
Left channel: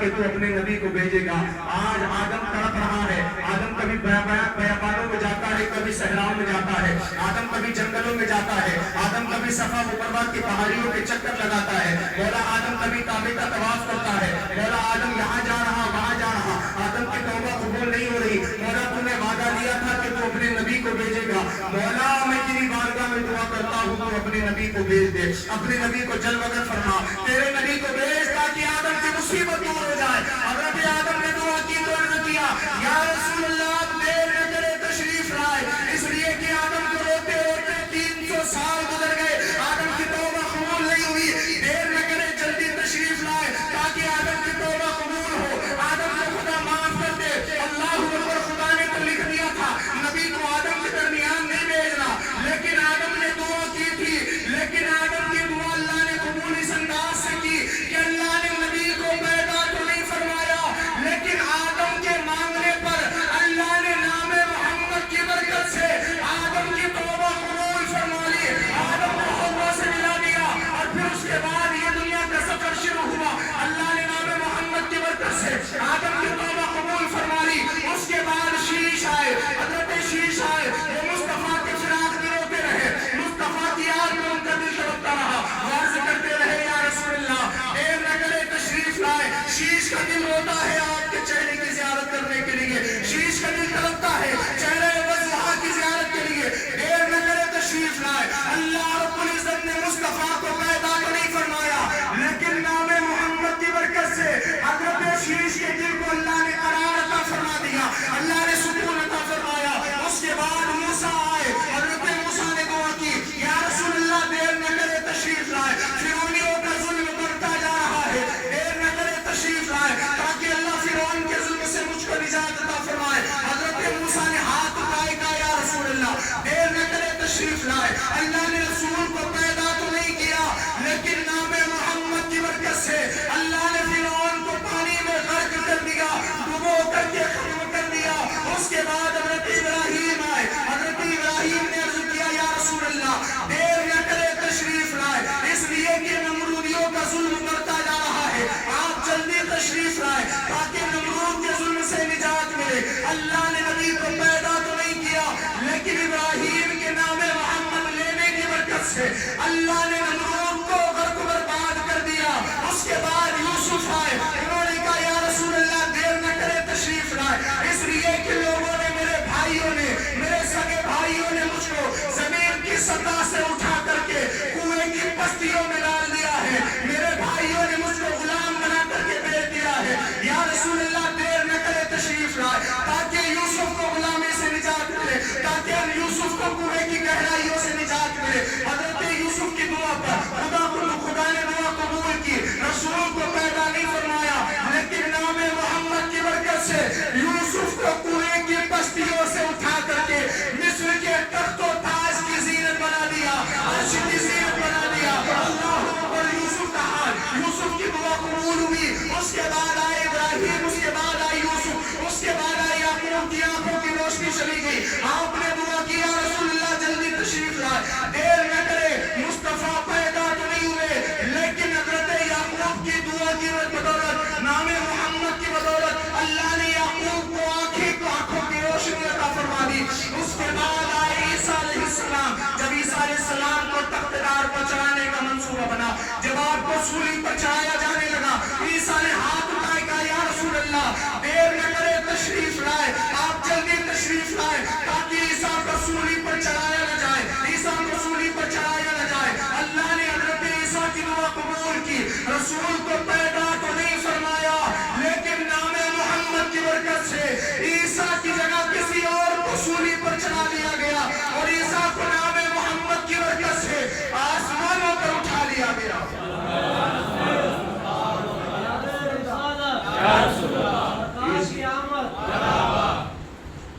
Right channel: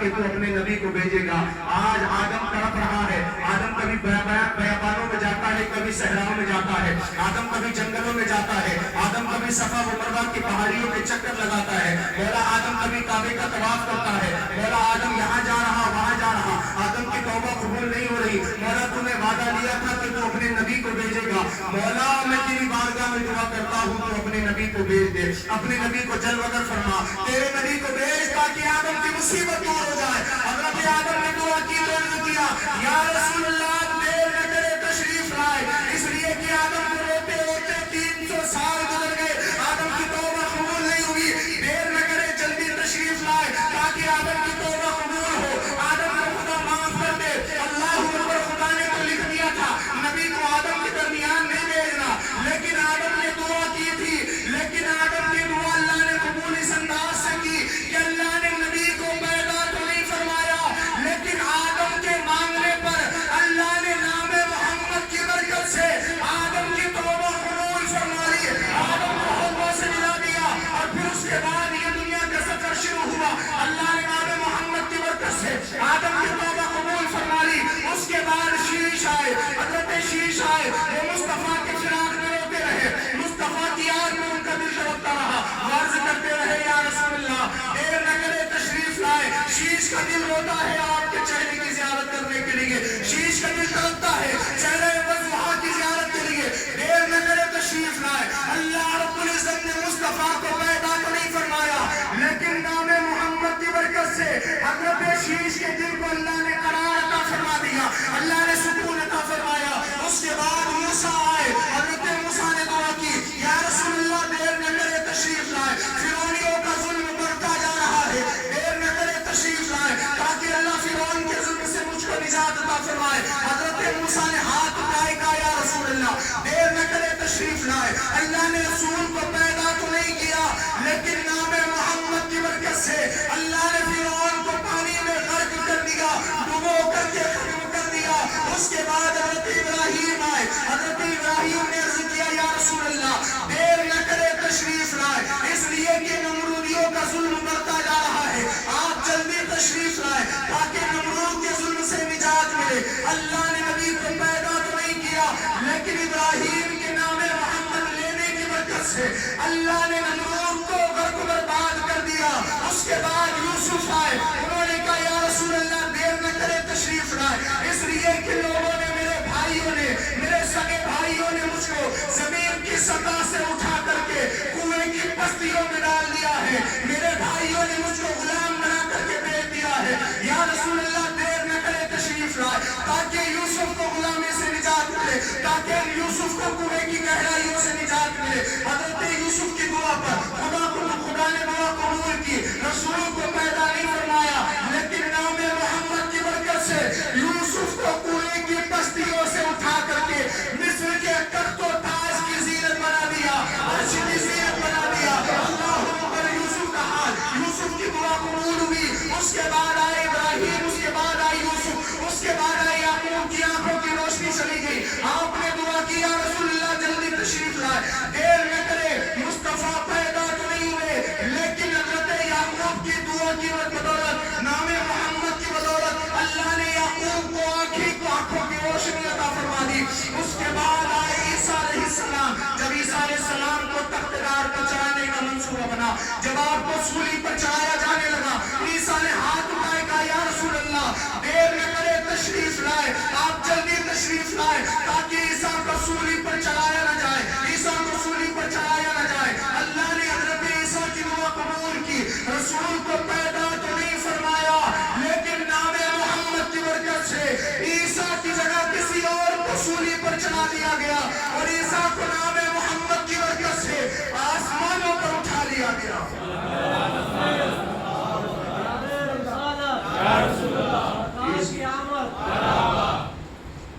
کہ تو اپنے نبی کو بھیجے گا۔ آج آدم تڑپ رہا ہے، آدم کبھی بیابانوں میں جاتا ہے، کبھی صحراؤں میں جاتا ہے، آدم کبھی جنگلوں میں جاتا ہے، آدم کبھی صفا و مروہ کی پہاڑیوں کے چکر لگاتا ہے، مولا آدم کبھی کعبے کا طواف کرتا ہے، مولا آدم یہاں جا رہا وہاں جا رہا، آدم کی توبہ قبول نہیں ہو رہی۔ مولا تو نے وعدہ لیا تھا کہ تو اپنے نبی کو بھیجے گا، مولا میں تیری بارگاہ میں کرتا ہوں تو اپنے نبی کو بھیج دے، اپنے نبی کو جلوگر فرما، تیرے نبی کو بھیج تاکہ آدم کی مصیبت دور ہو جائے۔ حضرت آدم نے دعا کی تو عرض کیا یا رسول اللہ دیر نہ کرے تشریف لائے، اس لیے کہ آدم کو روتے روتے 300 سال گزر گئے، آدم کی توبہ قبول نہیں ہوئی، دیر نہ کرے جلدی تشریف لائے تاکہ آدم کی توبہ قبول ہو، آدم کو خدا معاف کر دے۔ اللہ اکبر، خدا نے تو لکھ دیا تھا نبی کو آدم کے درمیان نہیں بھیجنا، لیکن آدم نے دعا کی تھی، لیکن آدم کی دعا اللہ نے قبول اس انداز سے کی کہ اللہ نے نبی کو پیدا تو نہیں فرمایا، لیکن آدم کے مانگنے پر اللہ نے نام محمد کی برکت سے آدم کی توبہ قبول فرما لی، آدم کو حوا سے ملا دیا، اور پھر اس کے بعد یہ دنیا کا سفر شروع ہوا، اللہ نے نام محمد کی برکت سے آدم کی توبہ قبول فرما لی۔ اس کے بعد شیش آئے، حضرت شیش آئے، وہ مصطفیٰ کے فراق میں روتے رہے، مصطفیٰ کی یاد میں ان کا دل تڑپتا رہا، عرض کرتے رہے یا رسول اللہ دیر نہ کرے تشریف لائے۔ شیش کا دل روتا ہے آپ کے چہرے کی زیارت کرنے کے لیے، شیش کا دل تڑپتا ہے چہرے وضحا کی زیارت کے لیے، دیر نہ کرے تشریف لائے۔ اللہ رب العزت نے مصطفیٰ کو پیدا تو نہیں فرمایا، لیکن نام محمد کی برکت سے حضرت شیش کے دل کو اللہ نے قرار عطا فرما دیا، اللہ نے سکون عطا فرمایا۔ اس کے بعد موسیٰ آئے، حضرت موسیٰ نے دعا کی یا رسول اللہ دیر نہ کرے تشریف لائے، فرعونیوں کا ظلم بڑھتا جا رہا ہے، دیر نہ کرے تشریف لائے تاکہ اللہ فرعون کے ظلم سے مجھ کو نجات عطا فرمائے۔ حضرت موسیٰ نے ہاتھ اٹھائے کہا یا رسول اللہ دیر نہ کرے تشریف لائے، اللہ نے رسول کو پیدا تو نہیں کیا، لیکن نام محمد کی برکت سے اللہ نے فرعون کو پانی میں غرق کر دیا، ڈبو کر کے ختم کر دیا۔ اس کے بعد حضرت ابراہیم آئے، حضرت ابراہیم نے عرض کیا یا رسول اللہ دیر نہ کرے تشریف لائے، اس لیے کہ نمرودیوں کا ظلم بڑھتا جا رہا ہے، آپ جلدی تشریف لائے تاکہ نمرود کے ظلم سے نجات ملے۔ اللہ نے نبی کو پیدا تو نہیں کیا، لیکن ابراہیم کے نام محمد لینے کی برکت سے اللہ نے نمرود کو غرق برباد کر دیا۔ اس کے بعد یوسف آئے، انہوں نے کہا یا رسول اللہ دیر نہ کرے تشریف لائے، اس لیے کہ لوگوں نے میرے بھائیوں نے، میرے سگے بھائیوں نے مجھ کو زمین کی سطح سے اٹھا کر کے کنویں کی پستیوں میں ڈال دیا ہے، میرے بھائیوں نے مجھ کو غلام بنا کر کے بیچ دیا ہے، یا رسول اللہ دیر نہ کرے تشریف لائے تاکہ یوسف کو غلامی سے نجات ملے، تاکہ یوسف کو کنویں کی گہرائیوں سے نجات ملے۔ حضرت یوسف کی دعا پر خدا نے دعا قبول کی، رسول کو پیدا نہیں فرمایا، لیکن نام محمد کی برکت سے یوسف کو کنویں کی پستیوں سے اٹھا کر کے مصر کے تخت و تاج کی زینت بنا دیا، عرش کی زینت بنا دیا۔ اللہ اکبر، یوسف کا حال، یوسف کی دعا قبول ہوئی۔ اس کے بعد آئے ابراہیم، اس کے بعد آئے یوسف، اس کے بعد آئے یعقوب کی آنکھوں کی روشنی چلی گئی، آپ نے دعا کیا رسول اللہ جلدی تشریف لائے، دیر نہ کرے۔ مصطفیٰ پیدا تو نہیں ہوئے، لیکن حضرت یعقوب کی دعا کی بدولت، نام محمد کی بدولت اللہ نے یعقوب کو آنکھوں کی روشنی عطا فرما دی۔ اس کے بعد آئے عیسیٰ علیہ السلام، جب عیسیٰ علیہ السلام کو تختدار پر چڑھانے کا منصوبہ بنا، جب آپ کو سولی پر چڑھایا جانے لگا، عیسیٰ نے ہاتھ اٹھائے کہا یا رسول اللہ دیر نہ کرے تشریف لائے، آپ جلدی تشریف لائے تاکہ عیسیٰ کو سولی پر چڑھایا نہ جائے، عیسیٰ کو سولی پر چڑھایا نہ جائے۔ اللہ نے حضرت عیسیٰ کی دعا قبول کی، رسول کو پیدا تو نہیں فرمایا، لیکن نام محمد کی برکت سے عیسیٰ کی جگہ کسی اور کو سولی پر چڑھا دیا گیا، اور عیسیٰ کو نام محمد کی برکت سے آسمانوں پر اٹھا لیا گیا۔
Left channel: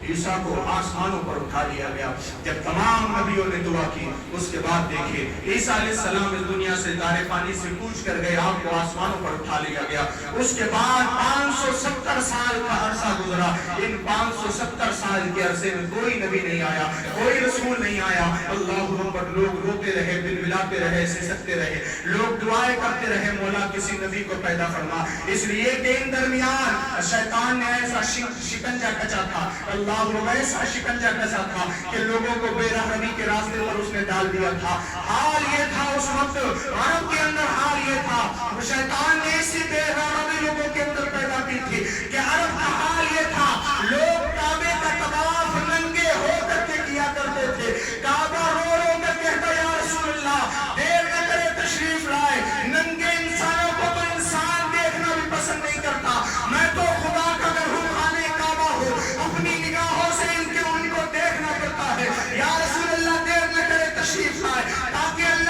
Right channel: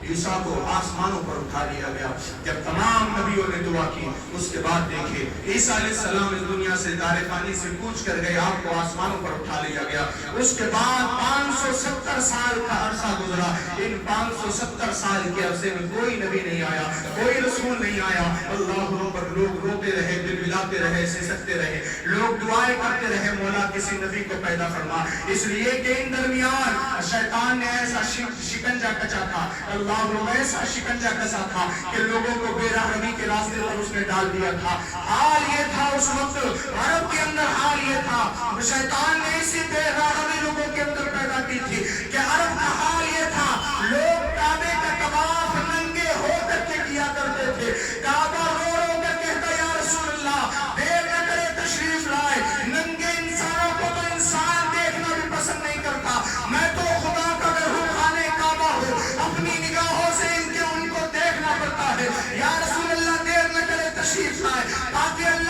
عیسیٰ کو آسمانوں پر اٹھا لیا گیا۔ جب تمام نبیوں نے دعا کی، اس کے بعد دیکھیے عیسیٰ علیہ السلام اس دنیا سے دار فانی سے کوچ کر گئے، آپ کو آسمانوں پر اٹھا لیا گیا۔ اس کے بعد 570 سال کا عرصہ گزرا، ان 570 سال کے عرصے میں کوئی نبی نہیں آیا، کوئی رسول نہیں آیا۔ اللہ اکبر، لوگ روتے رہے، دل ملاتے رہے، سسکتے رہے، لوگ دعائیں کرتے رہے، مولا کسی نبی کو پیدا فرما، اس لیے کہ ان درمیان شیطان نے ایسا شکنجہ کچا تھا، اللہ ایسا شکنجہ کسا تھا کہ لوگوں کو بے رحمی کے راستے پر اس نے ڈال دیا تھا۔ حال یہ تھا اس وقت عرب کے اندر، حال یہ تھا، شیطان نے اسی بے رحمی لوگوں کے اندر پیدا کی تھی کہ عرب کا حال یہ تھا، لوگ کعبے کا طواف ننگے ہو کر کے کیا کرتے تھے، کعبہ رو رو کر کہتا یا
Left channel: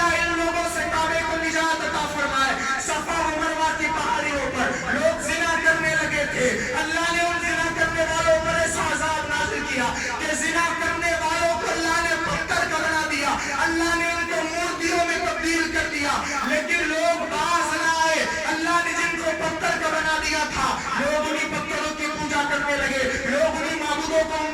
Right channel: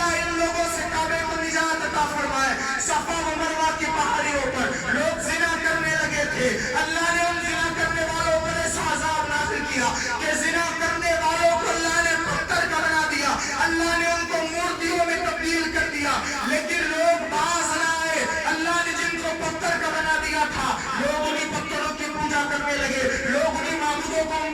تعالیٰ ان لوگوں سے کعبے کو نجات عطا فرمائے۔ صفا و مروہ کی پہاڑیوں پر لوگ زنا کرنے لگے تھے، اللہ نے ان زنا کرنے والوں پر ایسا عذاب نازل کیا کہ زنا کرنے والوں کو اللہ نے پتھر کا بنا دیا، اللہ نے ان کو مورتیوں میں تبدیل کر دیا، لیکن لوگ باز نہ آئے۔ اللہ نے جن کو پتھر کا بنا دیا تھا، لوگ انہیں پتھروں کی پوجا کرنے لگے، لوگ انہیں معبودوں کو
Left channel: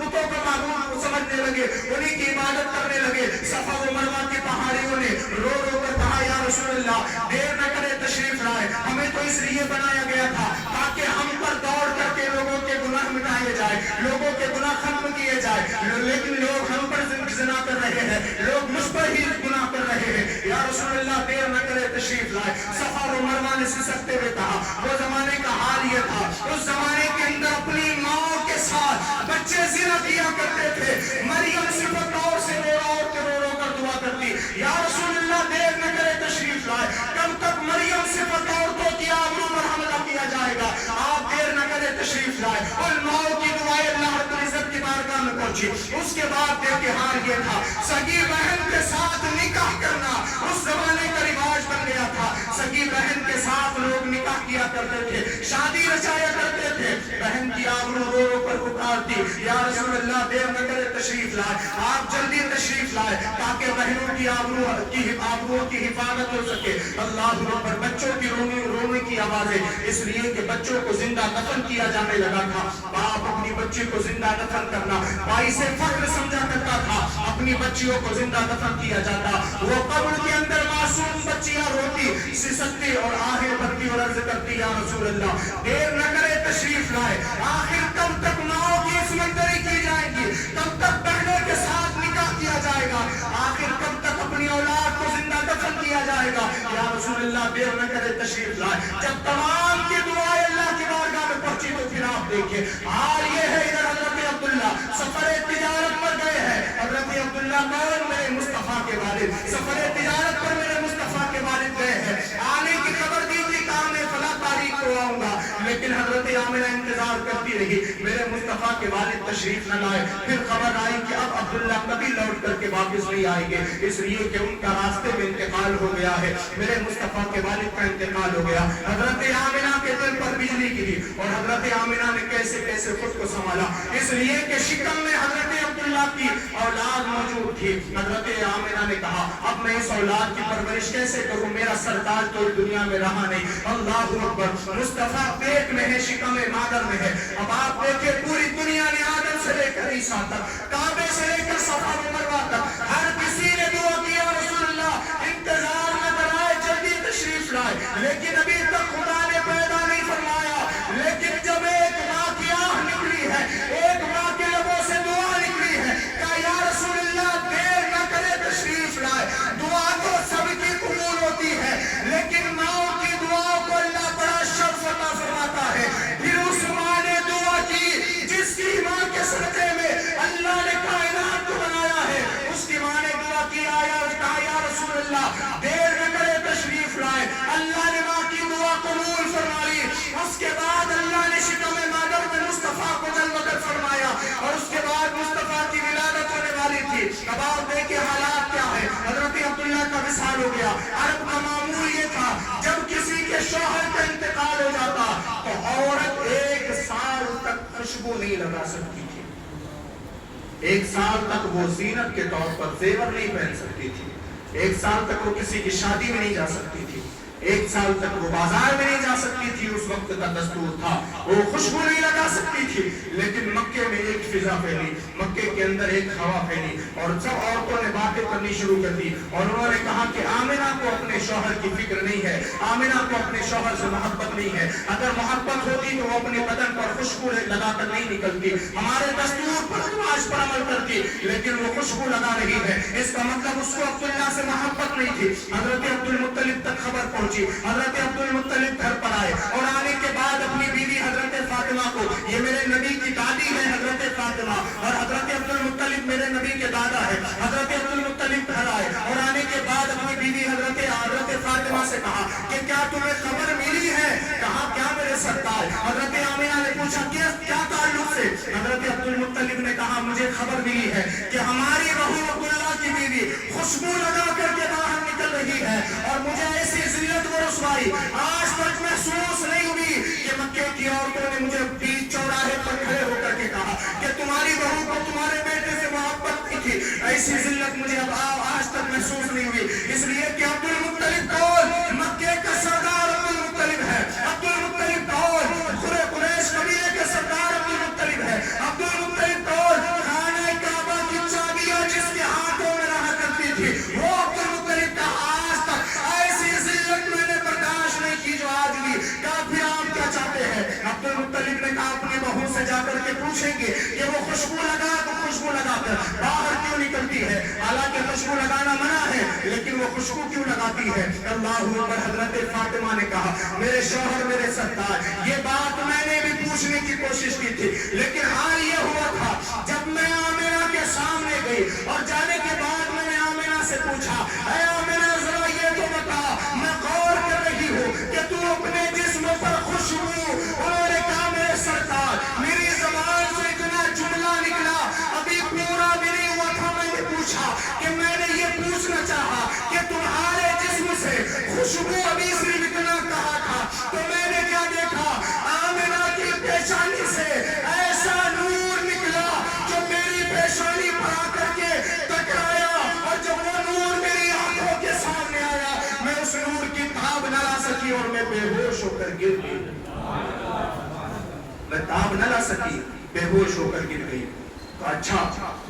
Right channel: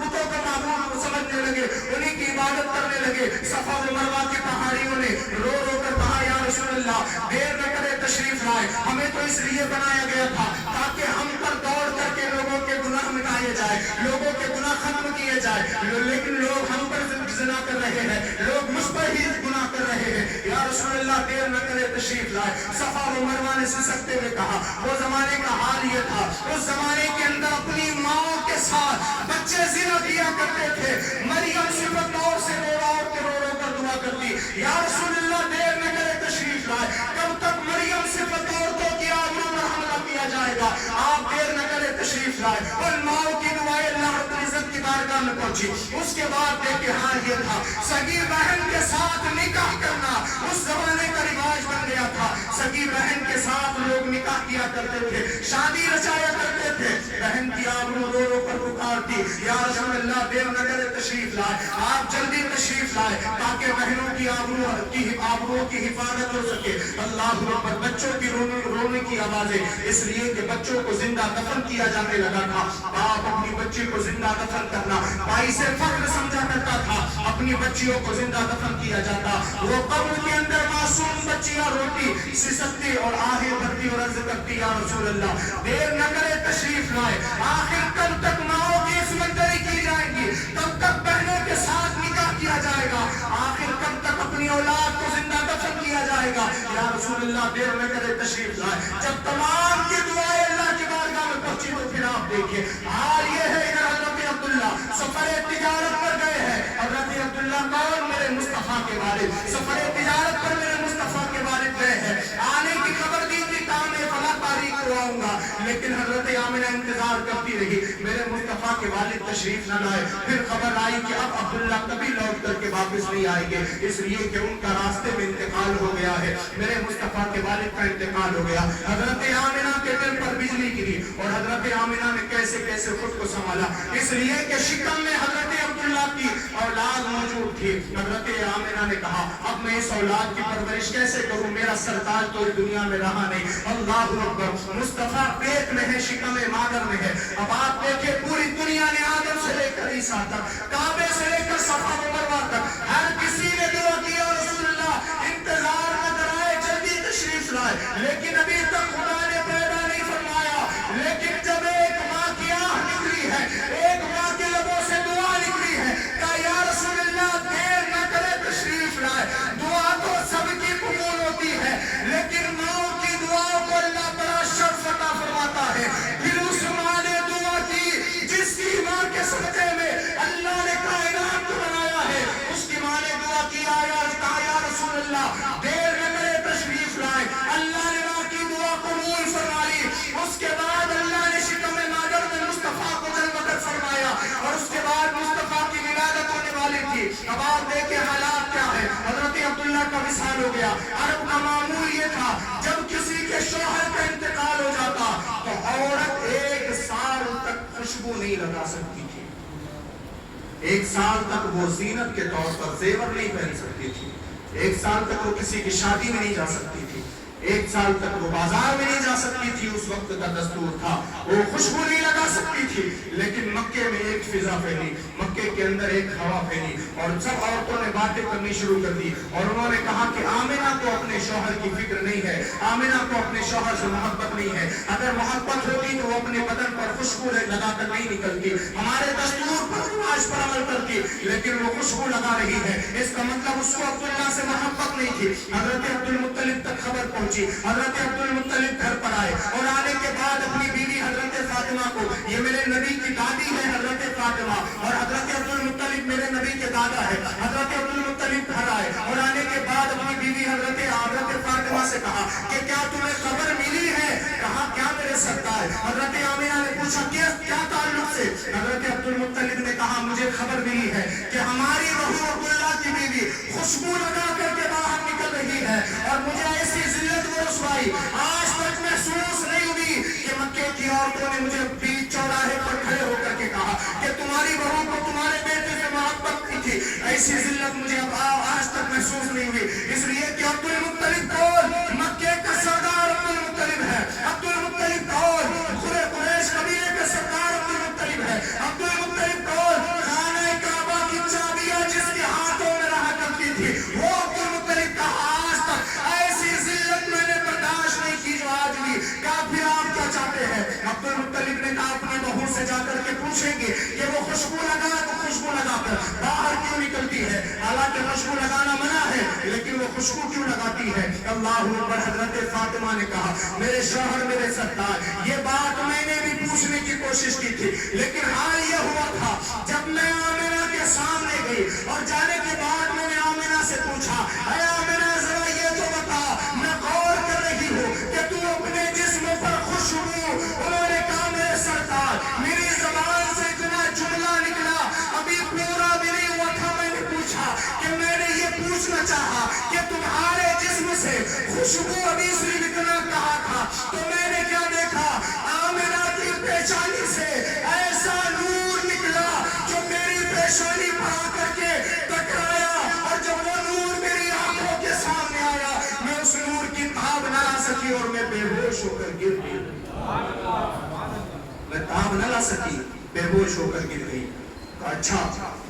بتوں کو معبود سمجھنے لگے، انہیں کی عبادت کرنے لگے۔ صفا و مروہ کی پہاڑیوں نے رو رو کر کہا یا رسول اللہ دیر نہ کرے تشریف لائے، ہمیں تو اس لیے بنایا گیا تھا تاکہ ہم پر دوڑ کر کے لوگوں کے گناہ مٹائے جائے، لوگوں کے گناہ ختم کیے جائے، لیکن لوگ ہم پر زنا کر رہے ہیں، لوگ مجھ پر ہی گناہ کر رہے ہیں، یا رسول اللہ دیر نہ کرے تشریف لائے۔ صفا و مروہ نے سسکتے ہوئے کہا، وہ زمانے کا حال یہ تھا، اس زمانے کے اندر اپنی ماں کے ساتھ بچے زنا کیا کرتے تھے۔ مریم صرف دور سے رو رو کر دعا کرتی، یا رسول اللہ دیر نہ کرے تشریف لائے، کب تک مریم صرف عورتوں کی آبرو پر حملہ کیا جائے گا، آپ دیر نہ کرے تشریف لائے۔ اور ماؤں کی دعائیں اللہ رب العزت کی بارگاہ میں پہنچی۔ اس کے بعد دیکھیں حال یہ تھا، سگی بہن کے ساتھ نکاح کرنا اس زمانے کا رواج بن گیا تھا، سگی بہن کے ساتھ لوگ نکاح کیا کرتے تھے، شادی رچایا کرتے تھے۔ بہن کی آبرو رو رو کر پکارتی، یا رسول اللہ دیر نہ کرے تشریف لائے، آپ جلدی تشریف لائے تاکہ بہنوں کی آبرو کی حفاظت ہو سکے۔ اللہ اکبر، بچوں کی رونے کی آوازیں، اس لیے کہ بچوں کو زندہ دفن کیا جانے لگا تھا۔ باپ اپنی بچی کو زندہ دفن کرنا بھائی سے فخر سمجھا کرتا تھا، اپنی بچیوں کو زندہ دفن کیا جاتا۔ وہ قبر کے اندر معصوم بچیاں روتی سسکتی اور آہے بھرتی اور عرض کرتی، یا رسول اللہ دیر نہ کرے تشریف لائے، آخر کب تک ماؤں کی عصمت کی جائے گی، کب تک بہنوں کے ساتھ نکاح کیا جائے گا، آخر کب تک اپنی اولاد کو زندہ دفن کیا جائے گا، یا رسول اللہ دیر نہ کرے تشریف لائے۔ جب تمام کی دعائیں اللہ کی بارگاہ میں پہنچی تو پھر آپ دیکھیں حال یہ ہے کہ حضرت عبداللہ سفر تجارت پر گئے ہیں۔ حضرت عبداللہ کون؟ میرے مصطفیٰ کے والد، سفر تجارت پر میرے مصطفیٰ کے والد گئے ہیں، آنے کی خبر دی تھی کام میں فلاں تاریخ کو آؤں گا، لیکن حضرت آمنہ انتظار کرتی رہی، میرے مصطفیٰ کے والد تشریف نہ لائے۔ پھر خبر آئی کہ اب عبداللہ کبھی لوٹ کر کے واپس نہیں آئیں گے، اس لیے کہ ان کا راستے میں انتقال ہو گیا ہے، میرے مصطفیٰ کے والد کا انتقال ہو گیا۔ حضرت آمنہ کے دل پر بجلی گری اور حضرت آمنہ نے کیسے کیسے خود کو سنبھالا، اس لیے کہ شکم میں حضرت عبداللہ کی اولاد موجود تھی۔ حضرت آمنہ نے کہا اب میں اس اولاد کی پرورش کیسے کروں، میرا سرتاج تو اس دنیا میں رہا نہیں۔ اللہ اکبر، مصطفیٰ پیٹ میں ہے، شکم مادر میں ہے۔ اب آپ دیکھیں پوری دنیا نے آدم سے لے کر عیسیٰ تک، کعبے سے لے کر صفا و مروہ تک ہر کسی نے دعا کیا رسول اللہ انتظار نہ کرائے جلدی تشریف لائے، لیکن ابھی تک خدا نے پیدا نہیں فرمایا۔ لیکن جب ایک ماں کی آہ نکلی ہے، ایک ماں کے لبوں سے دعا نکلی ہے، کہا یا رسول اللہ دیر نہ کرے تشریف لائے۔ دعا تو سب کی قبول ہوتی ہے، لیکن ماں کی دعاؤں کو اللہ بڑا شرف عطا فرماتا ہے۔ پھر اس ماں نے دعا کی جس کی ماں کے سجدے میں اللہ نے کائنات کو بنایا ہے، اس کی ماں نے دعا کی، کہا یا رسول اللہ دیر نہ کرے تشریف لائے۔ اللہ نے ماں کی دعا قبول فرمائی۔ اس کے بعد اللہ نے شکم مادر میں مصطفیٰ کو جلوہ کر فرمایا اور اس کے بعد مصطفیٰ کی ولادت ہونے والی تھی۔ اب آپ دیکھیں حالات کیا ہے، حضرت عبداللہ کا وصال ہو گیا۔ عرب کا معمول یہ تھا جب کسی کے شوہر کا انتقال ہو جاتا تو عورت 1 سال تک خوشبو نہیں لگا سکتی تھی، 1 سال تک وہ زینت کے طور پر زیور نہیں پہن سکتی تھی، 1 سال تک وہ کسی کی شادی میں نہیں جا سکتی تھی، 1 سال تک وہ بازار میں نہیں جا سکتی تھی، اس وقت کا دستور تھا، وہ خوشبو نہیں لگا سکتی تھی۔ لیکن مکے میں ایک فضا پھیلی، مکے کے اندر ایک ہوا پھیلی اور سب عورتوں نے باتیں کرنی شروع کر دی اور انہوں نے کہا کہ آمنہ کو اپنے شوہر کی فکر نہیں ہے، آمنہ کو اپنے شوہر سے محبت نہیں ہے، اگر محبت ہوتی تو وہ اپنے بدن پر خوشبو لگا کر نہیں نکلتی، ہمارے دستور پر رواج پر عمل کرتی، لیکن وہ خوشبو لگا رہی ہے، اس کا مطلب اس کو عبداللہ سے محبت نہیں تھی۔ حضرت عبدالمطلب تک خبر پہنچی، حضرت عبدالمطلب گھر پر آئے اور آنے کے بعد اپنی بیوی حضرت فاطمہ کو، یہ میرے نبی کی دادی ہے حضرت فاطمہ اور حضرت عبدالمطلب میرے نبی کے دادا ہے، حضرت عبدالمطلب گھر آئے اور آنے کے بعد اپنی بیوی حضرت فاطمہ سے کہا کہ کیا تمہیں خبر ملی ہے؟ کہا کیا میرے میرے سرکار. حضرت آمینہ نے پوچھا کیا تعلق سے؟ حضرت عبدالمطلب نے کہا مجھے خبر ملی ہے کہ ہماری بہو عبداللہ کی بیوی خوشبو لگا کر کے باہر نکل رہی ہے اور مجھے ایسی ذلت و رسوائی آج تک محسوس نہیں ہوئی کہ مکے کی عورتوں نے مجھے بیچ چوراہے پر کھڑے ہو کر کے کہا کہ تمہاری بہو کو تمہارے بیٹے سے محبت کی تھی. ایسی ذلت مجھے آج تک محسوس نہیں ہوئی. اس لیے کہ عبدالمطلب کون؟ مکے کا سردار عبدالمطلب ہے. عبدالمطلب کون؟ قریش قبیلے کا سردار عبدالمطلب ہے. عبدالمطلب کون؟ خانہ کعبہ کی چابیاں جس کے ہاتھوں میں رہا کرتی تھی وہ عبدالمطلب کا. آج تک ایسی ذلت میں نے برداشت نہیں کی جو آج بھی. کافی آپ کیا چاہتے ہیں؟ عبدالمطلب نے کہا اپنی بہو سے جا کر کے پوچھیں گے کہ وہ خوشبو لگا کر باہر کیوں نکلتی ہے. حالانکہ خوشبو لگانا منع ہے لیکن وہ خوشبو کیوں لگاتی ہے؟ اللہ اکبر. حضرت فاطمہ نے کہا میرے شوہر میرے سرکار یہ بات میں نے بھی پوچھنے کی کوشش کی تھی لیکن حال یہ ہوا تھا جب میں آمنہ کے سامنے گئی اور جانے کے بعد میں نے آمنہ سے پوچھا اے آمنہ ذرا یہ تو بتا میں غور کر رہی ہوں کہ تو اپنے جسم پر خوشبو. انہوں نے کہا میرے سرکار میری زبان سے اتنا جملہ نکلا ابھی پورا بھی نہیں ہوا تھا. میں نے پوچھا کہ میں نے یہ پوچھنا چاہا کہ تمہارے جسم سے خوشبو ابھی صرف اتنا کہا تھا تو میں نے کیا دیکھا آمنہ کی پیشانی سے ایسا نور نکلا جو میری پیشانی پر آ کر کے ٹکرایا اور جب وہ نور میری آنکھوں کے سامنے آیا میں اس نور کی تاب نہ لا سکی اور میں بے ہوش ہو کر گر گئی. میں تاب نہ لا سکی بے ہوش ہو کر گر گئی. اچھا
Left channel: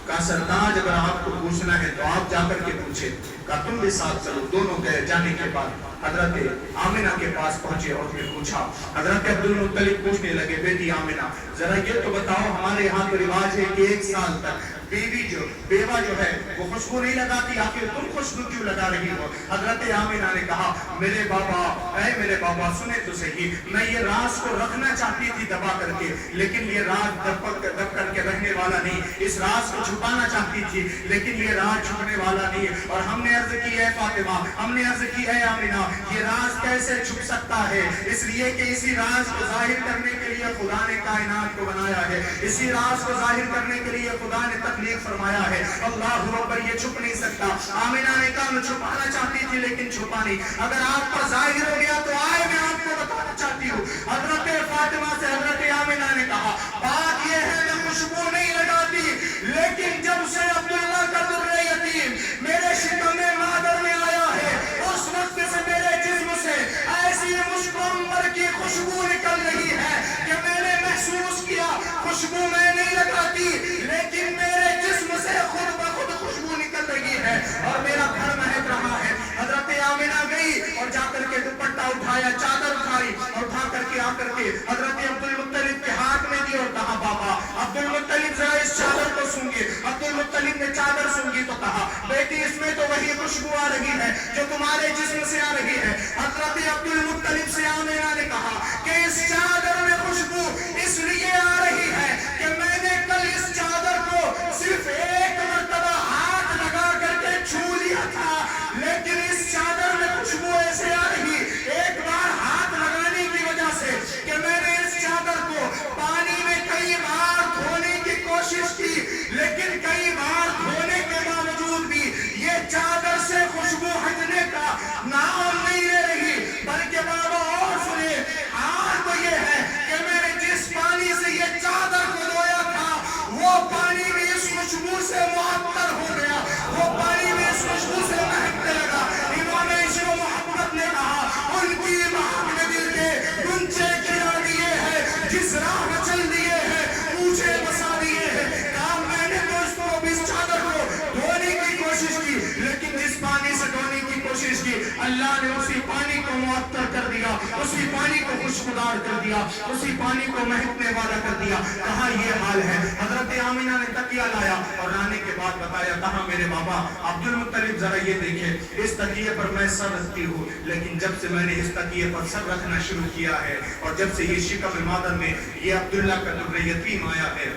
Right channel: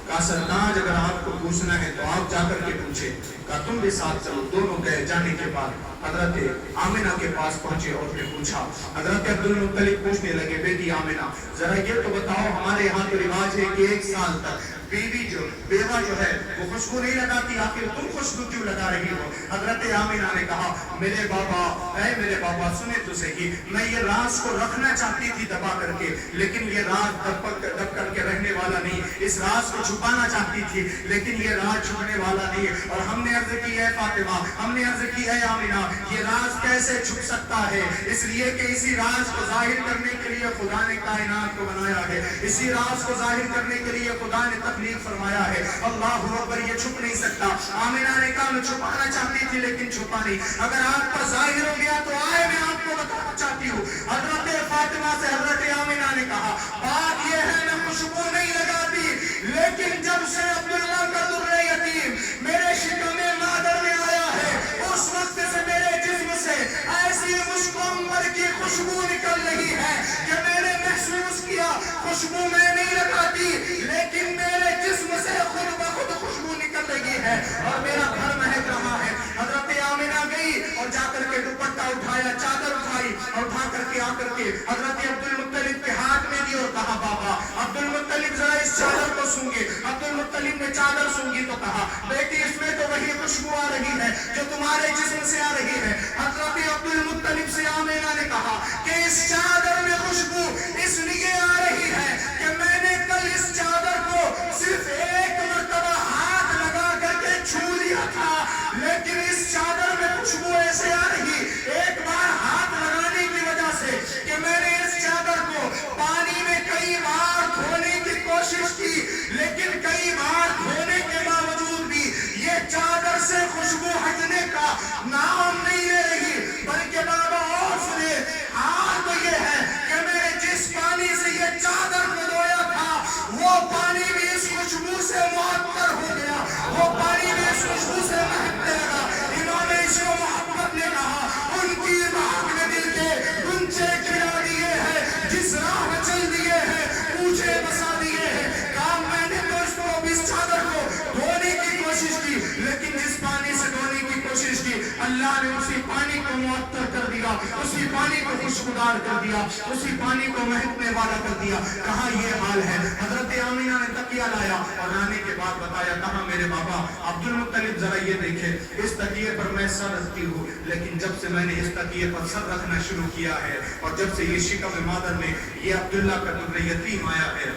کہا سرتاج اگر آپ کو پوچھنا ہے تو آپ جا کر کے پوچھے. کہا تم بھی ساتھ چلو. دونوں گئے. جانے کے بعد حضرت آمنہ کے پاس پہنچے اور پھر پوچھا. حضرت عبدالمطلب پوچھنے لگے بیٹی آمنہ ذرا یہ تو بتاؤ ہمارے یہاں تو رواج ہے کہ 1 سال تک بیوہ جو ہے وہ خوشبو نہیں لگاتی آخر تم خوشبو کیوں لگا رہی ہو؟ حضرت آمنہ نے کہا میرے بابا سنے تو صحیح میں یہ راز کو رکھنا چاہتی تھی دبا کر کے لیکن یہ راز دب کر کے رہنے والا نہیں. اس راز کو چھپانا چاہتی تھی لیکن یہ راز چھپنے والا نہیں. اور ہم نے عرض کی اے فاطمہ ہم نے عرض کی اے آمنہ یہ راز کیسے چھپ سکتا ہے؟ اس لیے کہ اسی راز کو ظاہر کرنے کے لیے خدا نے کائنات کو بنایا ہے. اسی راز کو ظاہر کرنے کے لیے خدا نے تخلیق فرمایا ہے. اللہ اکبر. یہ چھپ نہیں سکتا. آمنہ نے کہا میں چھپانا چاہتی تھی لیکن چھپا نہیں. اگر آپ پر ظاہر ہو گیا تو آئے میں آپ کو بتانا چاہتی ہوں. حضرت فاطمہ سے حضرت آمنہ نے کہا بات یہ ہے میں خوشبو نہیں لگاتی لیکن جب سے عبداللہ کا در یتیم میرے شکم مادر میں آیا ہے اس وقت سے میرے جسم سے ایسی مشکمبر کی خوشبو نکل رہی ہے کہ میں نے محسوس کیا خوشبو میں نہیں لگاتی لیکن میرے جسم سے خود بخود خوشبو نکل رہی ہے اور میرا گھر مہک رہا ہے. حضرت آمنہ گئی اور جا کر کے دوپٹہ اٹھایا چادر اٹھائی اور اٹھا کر کے آ کر کے حضرت عبدالمطلب کے ہاتھ میں دی اور کہا بابا عبدالمطلب ذرا اس چادر کو سونگے. عبدالمطلب نے چادر سونگی تو کہا بیٹی اس میں تو وہی خوشبو آ رہی ہے جو تمہارے جسم سے آ رہی ہے. حضرت عبدالمطلب سے آمنہ نے کہا کہ اس چادر میں خوشبو اس لیے آ رہی ہے کہ میں نے کل اس چادر کو صرف 1 مرتبہ ہاتھ لگا کر کے چھو لیا تھا لیکن اس چادر میں خوشبو ایسے آ رہی ایک بار ہاتھ لگانے کی وجہ سے کہ میں نے اس چادر کو پانی میں کئی بار دھونے کی کوشش کی لیکن کئی بار دھونے کے باوجود بھی یہ چادر سے خوشبو ہٹنے کا نام نہیں لے رہی. بلکہ بابا اور سنے حال تو یہ ہے کہ میں نے جس پانی سے یہ چادر کو دھویا تھا وہ پانی بھی اس خوشبو سے معطر ہو گیا. وہ پانی بھی اس خوشبو سے مہکنے لگا. امام عشق و محبت نے کہا ان کی مہک نے دل کے گنچے کھلا دیے ہیں جس راہ میں چل دیے ہیں پوچھے بسا دیے ہیں. کہا میں نے دوستوں اس چادر کو دھونے کی کوشش کی لیکن جس پانی سے دھونے کی کوشش کی اللہ نے اسی پانی کو معطر کر دیا اسی پانی کو خوشبودار کر دیا اسی پانی کو مہکنے والا کر دیا. کہا یہ حال ہے. حضرت آمنہ نے تکیہ لایا اور لانے کے بعد بتایا کہا میرے بابا عبدالمطلب ذرا یہ دیکھے اس تکیے پر میں سر رکھتی ہوں لیکن جب سے میں نے اس تکیے پر سر رکھنا شروع کیا ہے اور جب سے یہ شکم مادر میں یہ عبداللہ کا در یتیم آیا ہے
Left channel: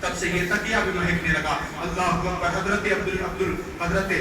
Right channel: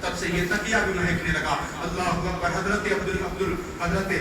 تب سے یہ تکیہ بھی مہکنے لگا. اللہ اکبر. حضرت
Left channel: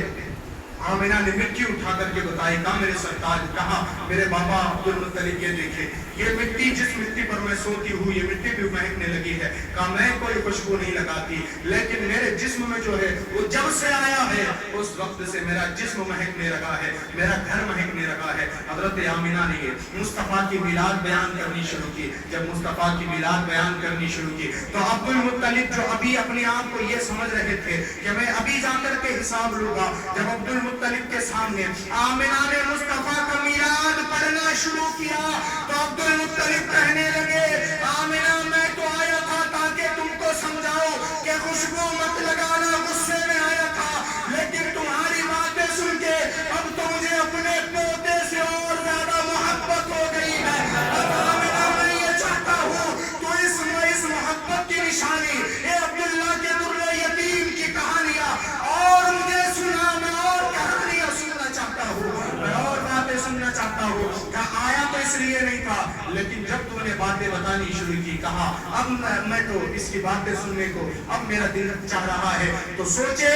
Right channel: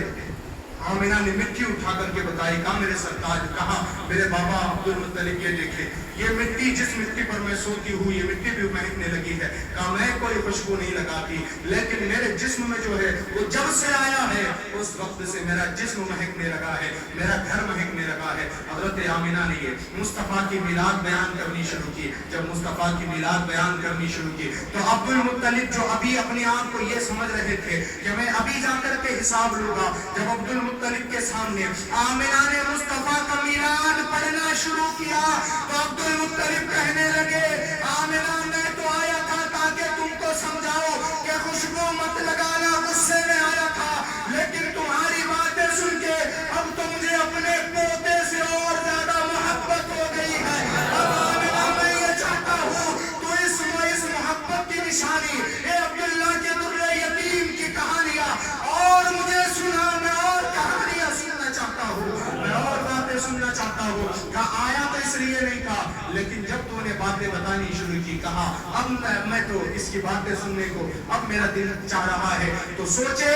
آمنہ نے مٹی اٹھا کر کے بتائی کہا میرے سرتاج کہا میرے بابا عبدالمطلب یہ دیکھے یہ مٹی جس مٹی پر میں سوتی ہوں یہ مٹی بھی مہکنے لگی ہے. کہا میں کوئی خوشبو نہیں لگاتی لیکن میرے جسم میں جو ہے وہ جب سے آیا ہے اس وقت سے میرا جسم مہکنے لگا ہے, میرا گھر مہکنے لگا ہے. حضرت آمنہ نے مصطفیٰ کی میلاد بیان کرنی شروع کی. جب مصطفیٰ کی میلاد بیان کرنی شروع کی تو عبد المطلب جو ابھی اپنے آپ کو یہ سمجھ رہے تھے کہ میں ابھی جا کر کے حساب لوں گا, جب عبد المطلب کے سامنے آمنہ نے مصطفیٰ کا میلاد پڑھنا شروع کیا تو عبد المطلب کہنے لگے آمنہ میں تو آیا تھا تاکہ تم کو سمجھاؤ کہ خوشبو مت لگانا, غصے میں آیا تھا لیکن تمہاری باتیں سن کے اب تو مجھے اپنے پوتے سے اور زیادہ محبت ہو گئی ہے. اب آمنہ میں یہ چاہتا ہوں تو اس محبت کی نشانی اے عبداللہ کے در یتیم کی کہانیاں اور مجھے سنا, میں اور کہانیاں سننا چاہتا ہوں, میں اور باتیں سننا چاہتا ہوں. کہا آیا تو اس لیے نہیں تھا لیکن جب تو نے باتیں بتانی شروع کی کہا اب میں تو اس کی باتیں سننے کو اب میرا دل چاہ رہا ہے. تو سوچے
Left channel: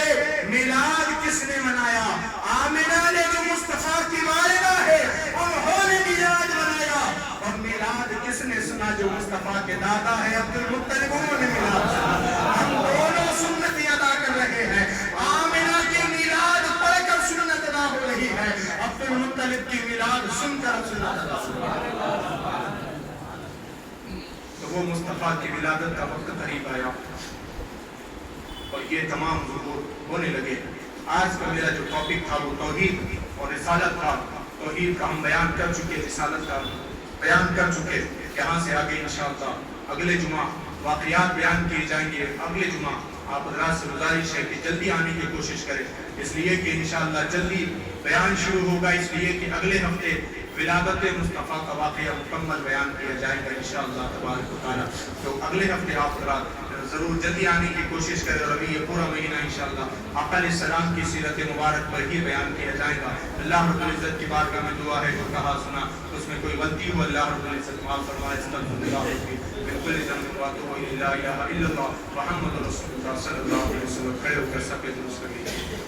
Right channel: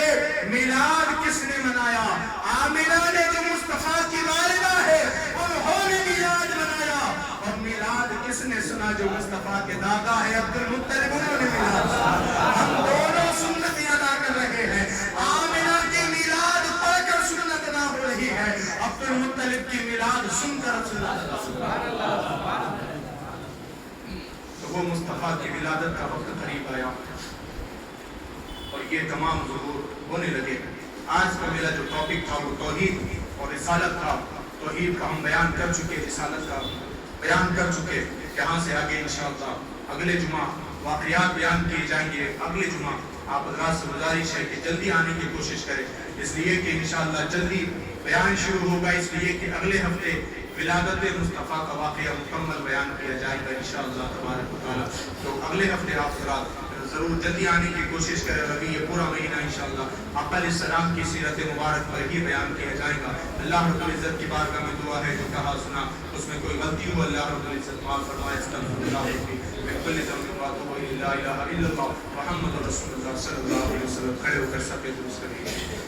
میلاد کس نے منایا؟ آمنہ نے جو مصطفیٰ کی والدہ ہے انہوں نے میلاد منایا. اور میلاد کس نے سنا؟ جو مصطفیٰ کے دادا ہے عبد المطلب, انہوں نے میلاد سنا. ہم دونوں سنت ادا کر رہے ہیں. آمنہ کی میلاد پڑھ کر سنت ادا ہو رہی ہے, عبد المطلب کی میلاد سن کر سنت ادا ہو رہی ہے. تو وہ مصطفیٰ کی ولادت کا وقت قریب آیا اور یہ تمام ظہور ہونے لگے. آج کا میرا جو ٹاپک تھا وہ توحید اور رسالت تھا. توحید کا ہم بیان کر چکے, رسالت کا بیان کر چکے. یہاں سے آگے انشاءاللہ اگلے جمعہ واقعات بیان کیے جائیں گے. اگلے جمعہ آپ حضرات سے گزارش ہے کہ جلدی آنے کی کوشش کریں, اس لیے کہ انشاءاللہ جلدی بیان شروع ہوگا, اس لیے کہ اگلے ہفتے ولادت مصطفیٰ کا واقعہ مکمل بیان کیا جائے گا انشاءاللہ تبارک و تعالی. تو اگلے ہفتے آپ حضرات ضرور جلدی آنے کی کوشش کریں اور ابھی یہ پورا مہینہ انشاءاللہ آقا علیہ السلام کی سیرت مبارک پر ہی بیان کیا جائے گا. اللہ رب العزت کی بارگاہ میں دعا ہے جو کہا سنا اس میں کوئی غلطی ہو اللہ رب العزت معاف فرمائے. استغفر اللہ من کل ذنب واتوب الیہ, لا الہ الا اللہ محمد رسول اللہ صلی اللہ علیہ وسلم. کھڑے ہو کر سب درست کریے.